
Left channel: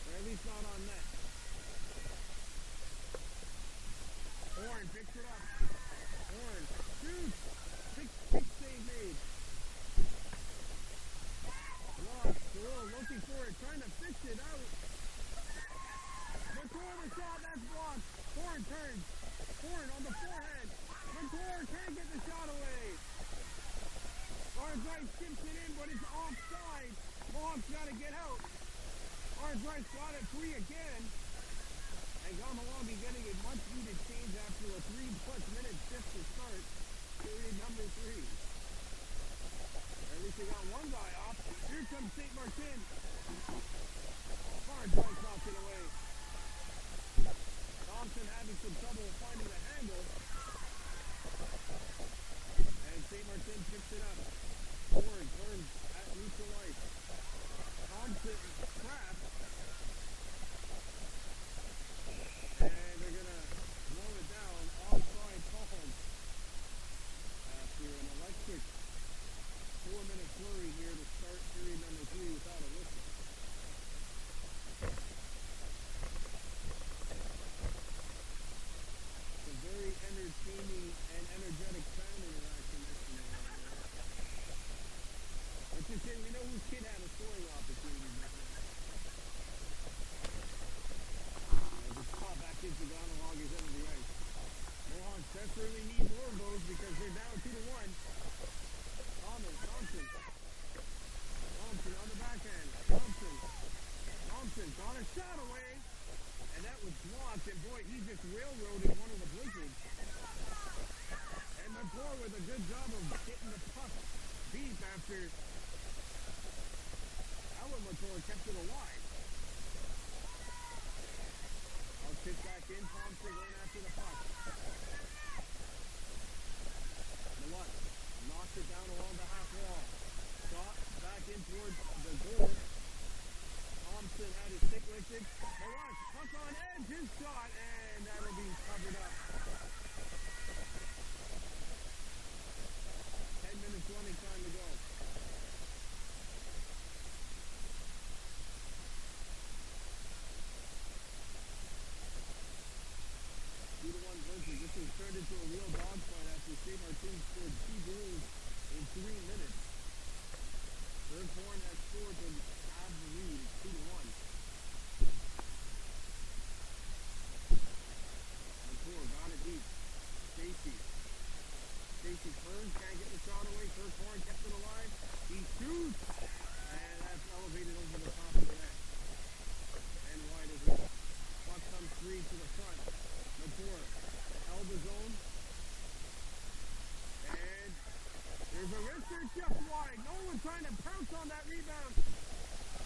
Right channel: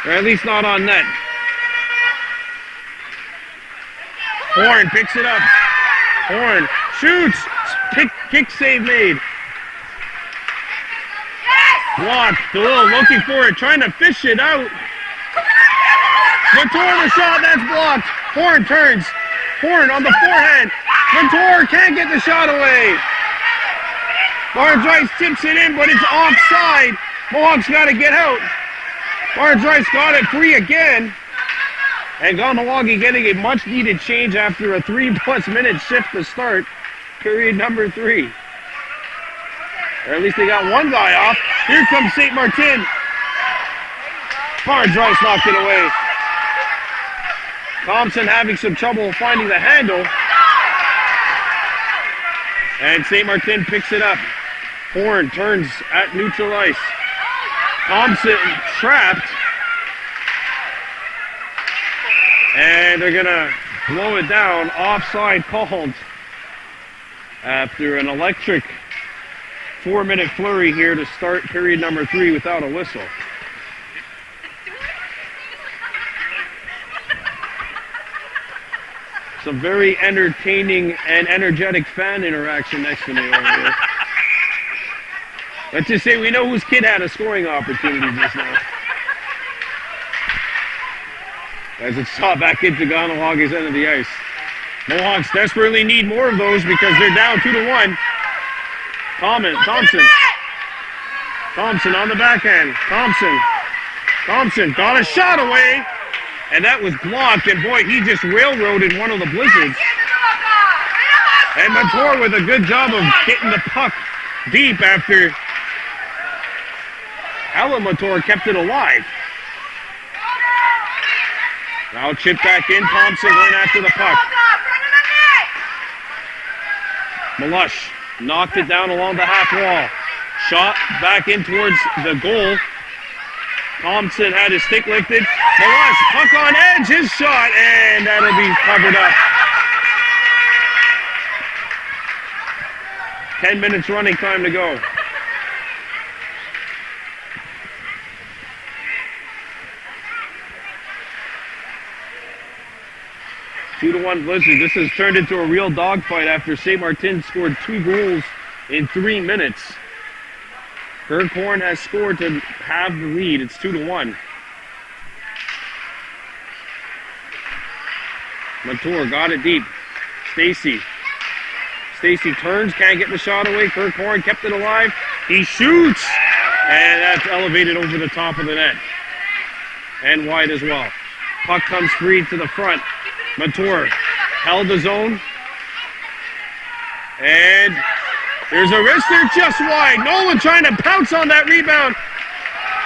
Or at least not on net. Horn picks it up. Horn shoots. Kick save made. Blocked. DeLille looking for it. Trying to fish it out. Montour the shot. That's blocked. Horn turns. Horn on the forehand. Montour can't get the shot away. Barnes-Rice tips it in, but it's offside. Mohawks got to get out. Barnes-Rice got it free again. And Kahnawake getting a much-needed change after a 3+ minute shift to start period number 3. Or at least they got one guy off. Here comes St. Martin. Barnes-Rice knocked it away. Thompson having some trouble finding the handle. And St. Martin picks it up. Horn turns at neutral ice. Thompson trapped. And they're going to blow it down. Offside called after an electric 4-minute flurry here to start period number 3 without a whistle. Some very entertaining and energetic fan interaction next to me over here. Let's just say we know whose kid had a scoring opportunity just now. As it's shot back into Kahnawake's end of the ice. Mohawks desperately need more of those because they're down 2-1. Thompson on the backhand. Thompson got a shot away. And that was blocked, and boy, he just railroaded one of the Blizzards. And Montour with a good job of getting the puck deep after Alamator kept it alive. Now chip back in, Thompson going after the puck. Malush knocked it down along the half wall. Shot back in towards the goal. Thompson had his stick lifted. Malush, puck on edge, his shot, and that'll be covered up. 10 minutes running time to go. Two to one Blizzard. This has turned into a real dogfight after Saint Martin scored 2 goals in 3 minutes. Kirkhorn has scored to have the lead. It's 2-1. Latour got it deep. Stacy turns, can't get the shot away. Kirkhorn kept it alive. He shoots, and that's elevated over the top of the net. And wide as well. Puck comes free to the front. Latour held the zone. And there's a wrister just wide. Nolan trying to pounce on that rebound.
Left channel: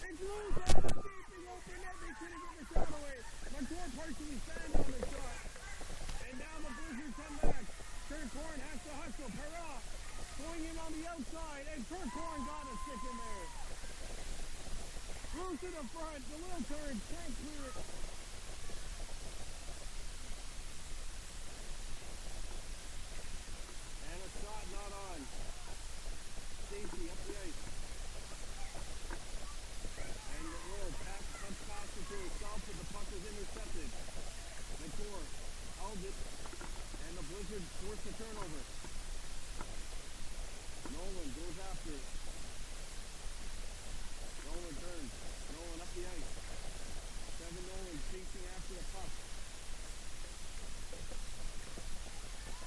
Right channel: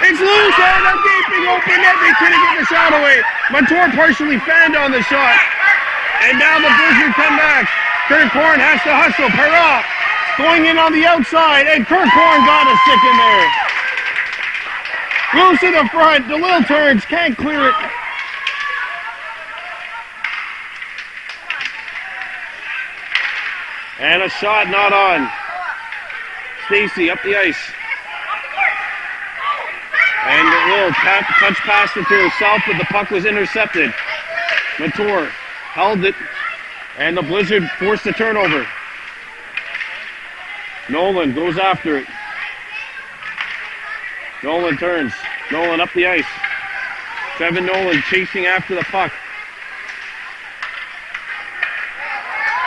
It's loose, and a gaping open net. They couldn't get the shot away. Latour partially fanned on the shot. And now the Blizzard come back. Kirkhorn has to hustle. Perra going in on the outside, and Kirkhorn got a stick in there. Loose in the front. DeLille turns, can't clear it. And a shot not on. Stacy up the ice. And DeLille touch passed it to herself, but the puck was intercepted. Latour held it, and the Blizzard forced a turnover. Nolan goes after it. Nolan turns. Nolan up the ice. Trevin Nolan chasing after the puck.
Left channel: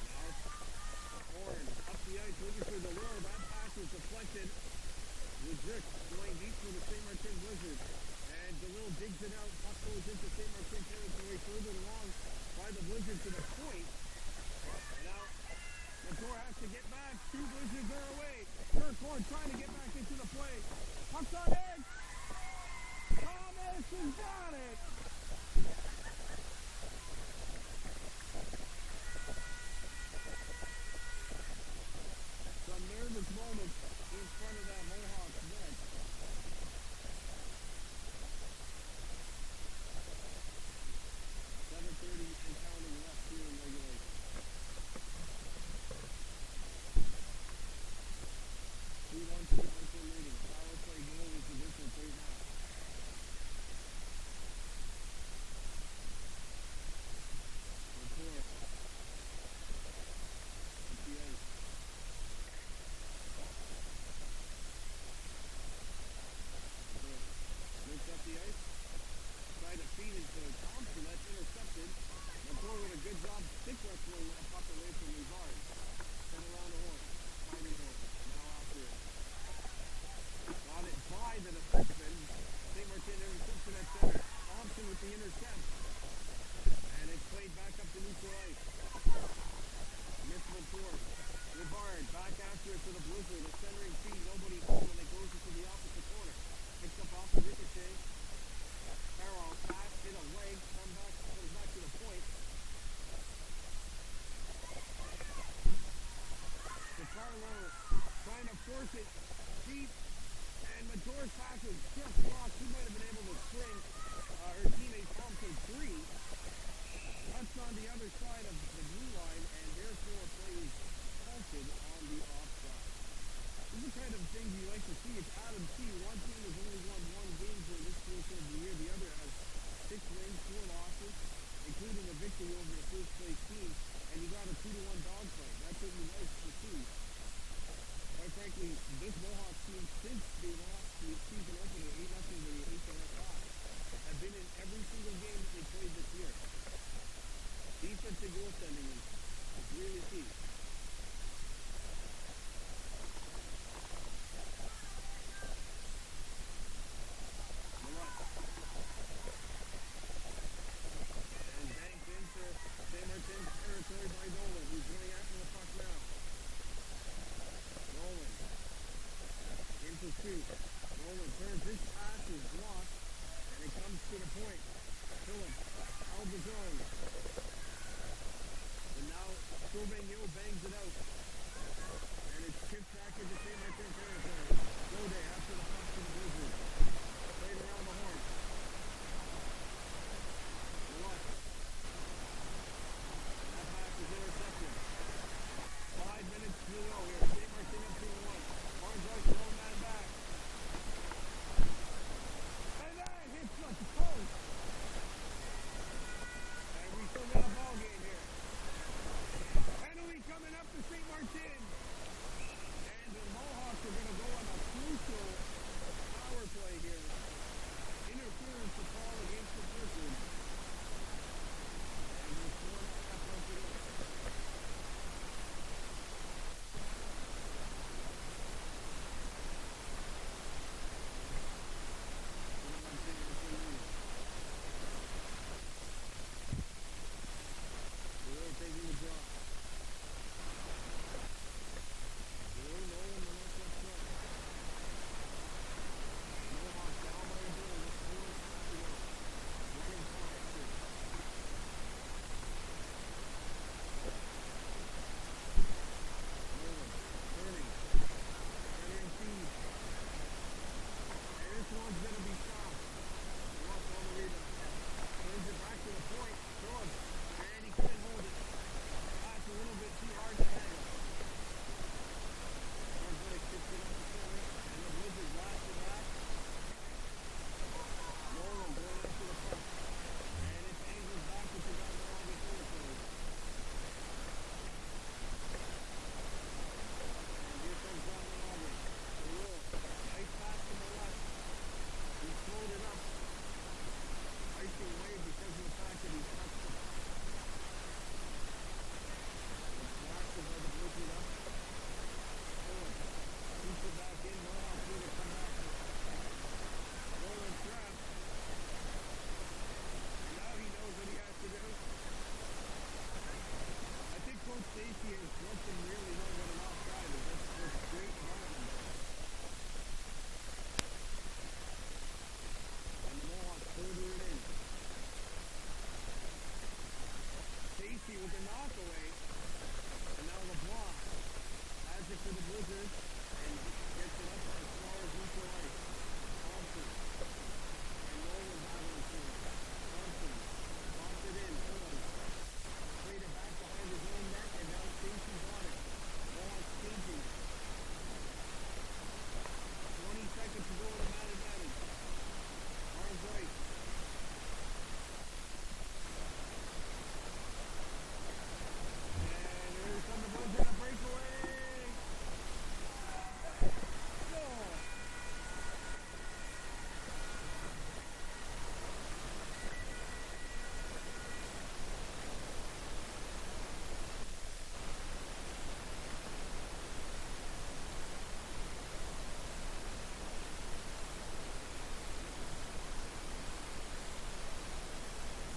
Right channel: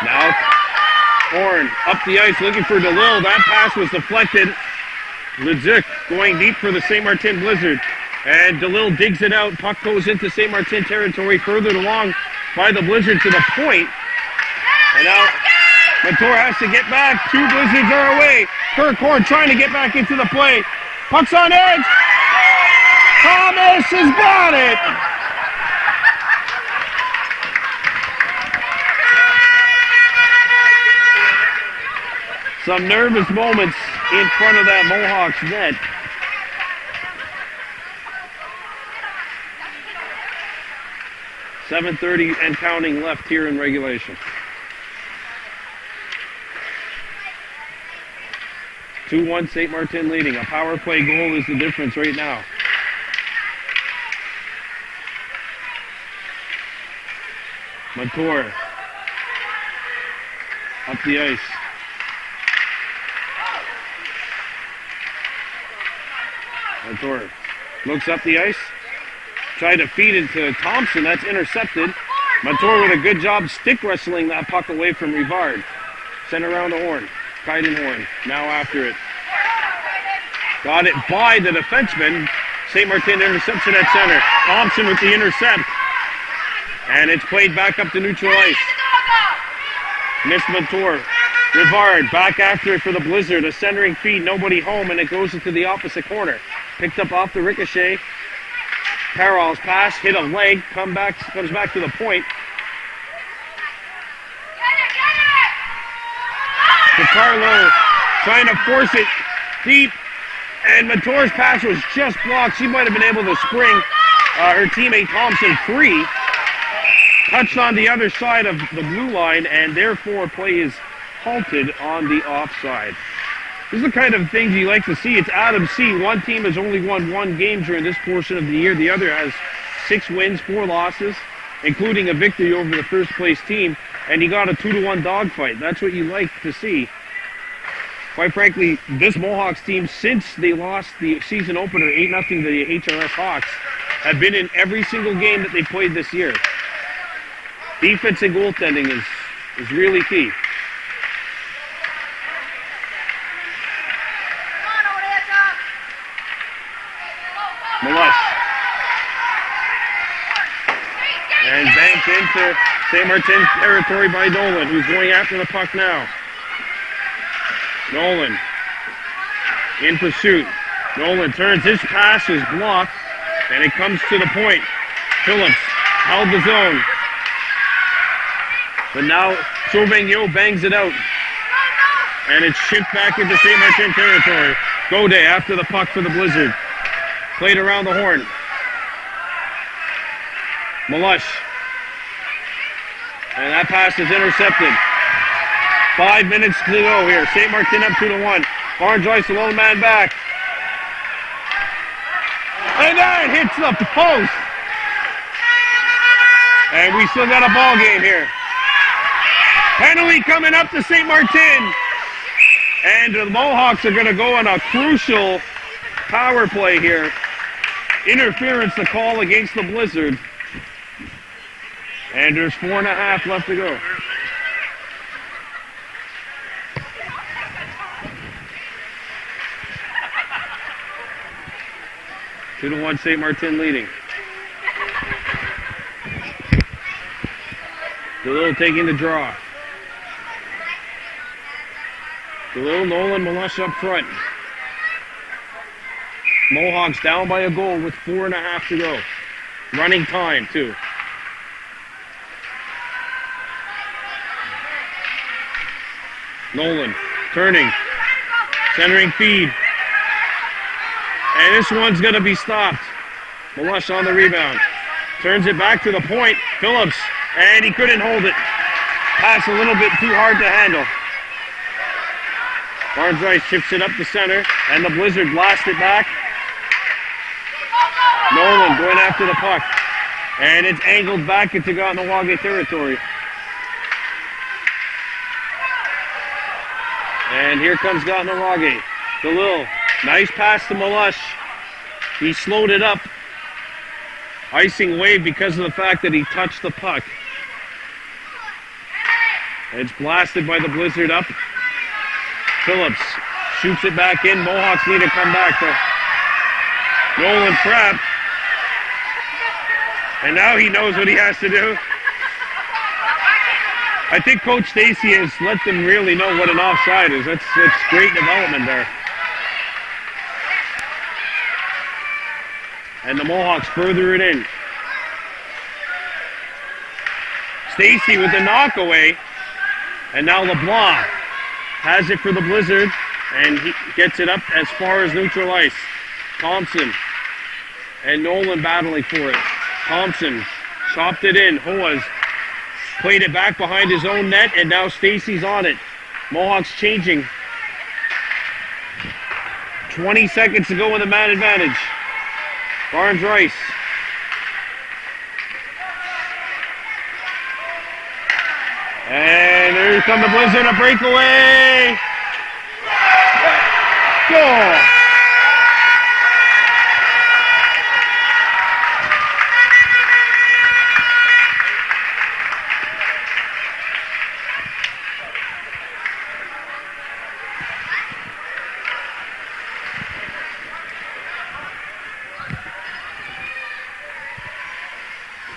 Now Horn up the ice looking for DeLille. That pass was deflected. Leduc going deep for the Saint Martin Blizzard. And DeLille digs it out. Puck goes into Saint Martin territory, furthered along by the Blizzard to the point. And now Latour has to get back. 2 Blizzards are away. Kirkhorn trying to get back into the play. Puck's on edge. Thomas has got it. Some nervous moments in front of that Mohawks net. .7:30 and counting left here in regulation. 2-1 Saint Martin leading. A power play goal is the difference right now. Latour up the ice. Latour looks up the ice. Tried to feed it to Thompson. That's intercepted. Latour with a good job stick wrestling that puck away from Rivard. Sent around to Horn. Kaiden Horn now after it. Got it by the defenseman. Saint Martin interception at center. Thompson with the intercept. And it's played back up to neutral ice. Missed Latour. Rivard back after it for the Blizzard. A centering feed, nobody home, and it goes into the opposite corner. Picked up off the ricochet. Carroll's pass, hit a leg, comes back to the point. DiCarlo trying to force it deep, and Latour's pass was just blocked. She might have been able to spring her teammate Thompson free. Touched on the other side of the blue line, and therefore play is halted on the offside. This is the kind of things you like to see. It's Adam C. One team has only won 1 game during this portion of the year. The other has 6 wins, 4 losses, including a victory over the first place team. And you got a 2-1 dogfight. That's what you like to see. Quite frankly, this Mohawks team, since they lost the season opener 8-0 to the HRS Hawks, have been in every single game that they played this year. Defense and goaltending is really key. Malush. And banked into Saint Martin territory by Nolan, who's going after the puck now. Nolan in pursuit. Nolan turns, his pass is blocked, and it comes to the point. Phillips held the zone. But now Sauvignon bangs it out. And it's shipped back into St. Martin territory. Gode after the puck for the Blizzard. Played around the horn. Malush. And that pass is intercepted. 5 minutes to go here. St. Martin up 2-1. Barnes-Joyce, a lone man back. And that hits the post. And we still got a ball game here. Penalty coming up to St. Martin. And the Mohawks are going to go on a crucial power play here. Interference to call against the Blizzard. And there's 4.5 left to go. Two to one, St. Martin leading. DeLille taking the draw. DeLille, Nolan, Malush up front. Mohawks down by a goal with 4.5 to go. Running time, too. Nolan, turning, centering feed. And this one's going to be stopped. Malush on the rebound. Turns it back to the point. Phillips, and he couldn't hold it. Pass a little bit too hard to handle. Barnes-Joyce chips it up the center, and the Blizzard blast it back. Nolan going after the puck. And it's angled back into Kahnawake territory. And here comes Kahnawake. DeLille, nice pass to Malush. He slowed it up. Icing wave because of the fact that he touched the puck. It's blasted by the Blizzard up. Phillips shoots it back in. Mohawks need to come back to Nolan trapped. And now he knows what he has to do. I think Coach Stacy has let them really know what an offside is. That's great development there. And the Mohawks further it in. Stacy with the knockaway. And now LeBlanc has it for the Blizzard. And he gets it up as far as neutral ice. Thompson and Nolan battling for it. Thompson chopped it in. Hoas played it back behind his own net, and now Stacy's on it. Mohawks changing. 20 seconds to go in the man advantage. Barnes-Joyce. And here comes the Blizzard, a breakaway. Goal.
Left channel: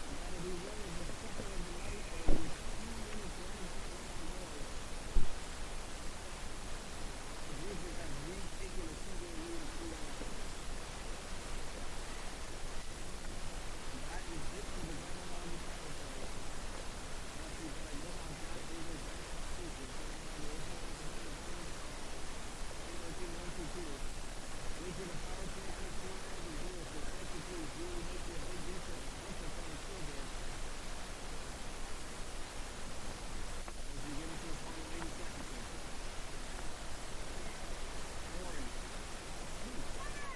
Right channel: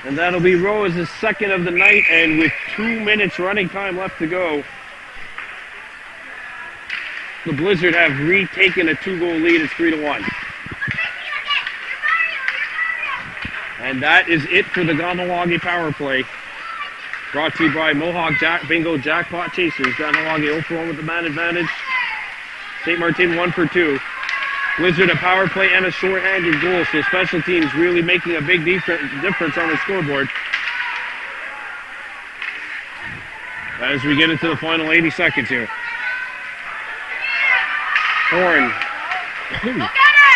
And that'll be Rowe's second of the night, and with 2 minutes running time left to go, the Blizzard have retaken a 2-goal lead. It's 3-1. And that is it for the Kahnawake power play. Brought to you by Mohawk Bingo Jackpot Chasers. Kahnawake 0-for-1 with the man advantage. St. Martin 1 for 2. Blizzard a power play and a shorthanded goal, so special teams really making a big difference on the scoreboard. As we get into the final 80 seconds here. Horn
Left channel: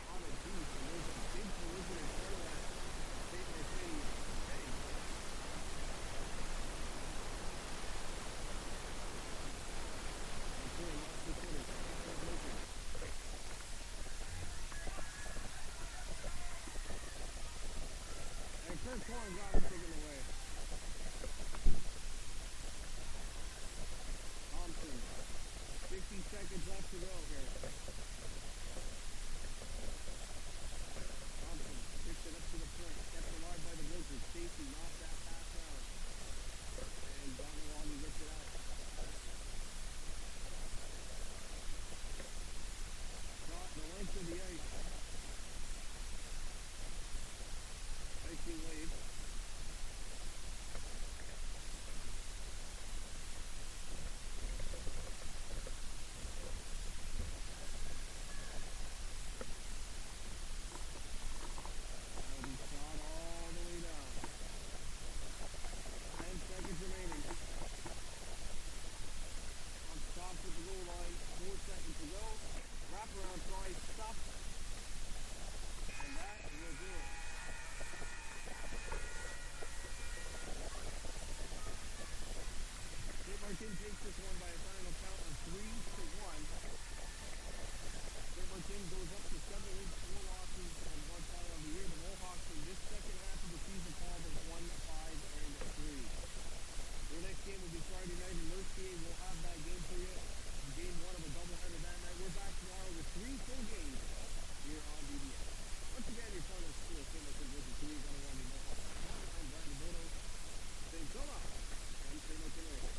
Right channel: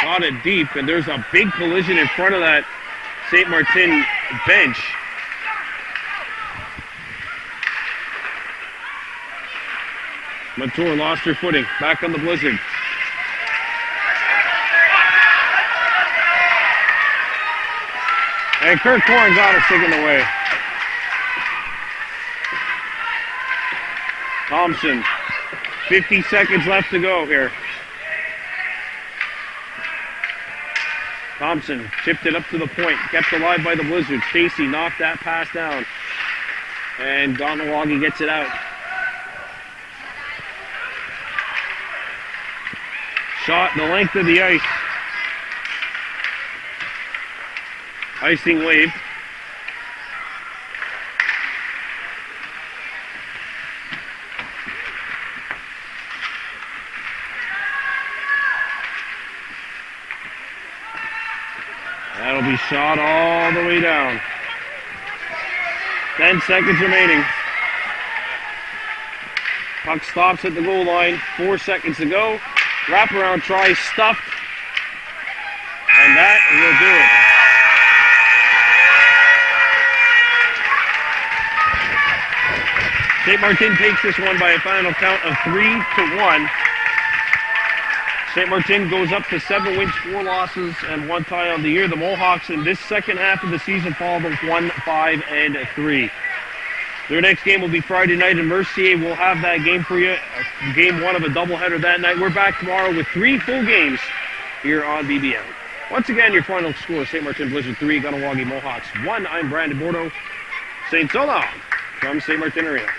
got it deep, and there's a big collision in front of that St. Martin bench. Mature lost her footing. Back on the Blizzard. And Kirk Horn got it taken away. Thompson, 50 seconds left to go here. Thompson chipped it up to the point, kept alive by the Blizzard. Stacy knocked that pass down. And Kahnawake gets it out. Shot the length of the ice. Icing wave. That'll be shot all the way down. 10 seconds remaining. Puck stops at the goal line. 4 seconds to go. Wraparound try, stuffed. And that will do it. St. Martine takes this one by a final count of 3-1. St. Martine goes up to 7 wins, 4 losses, and 1 tie on the year. The Mohawks in this second half of the season fall to 1-5-3. Their next game will be Friday night in Mercier. We'll have that game for you. Game 1 of a doubleheader that night. We're back tomorrow with 3 full games here on BBM. Once again, your final score, St. Martin Blizzard 3, Kahnawake Mohawks 1. I'm Brandon Bordeaux. Saying so long from St. Martin Arena.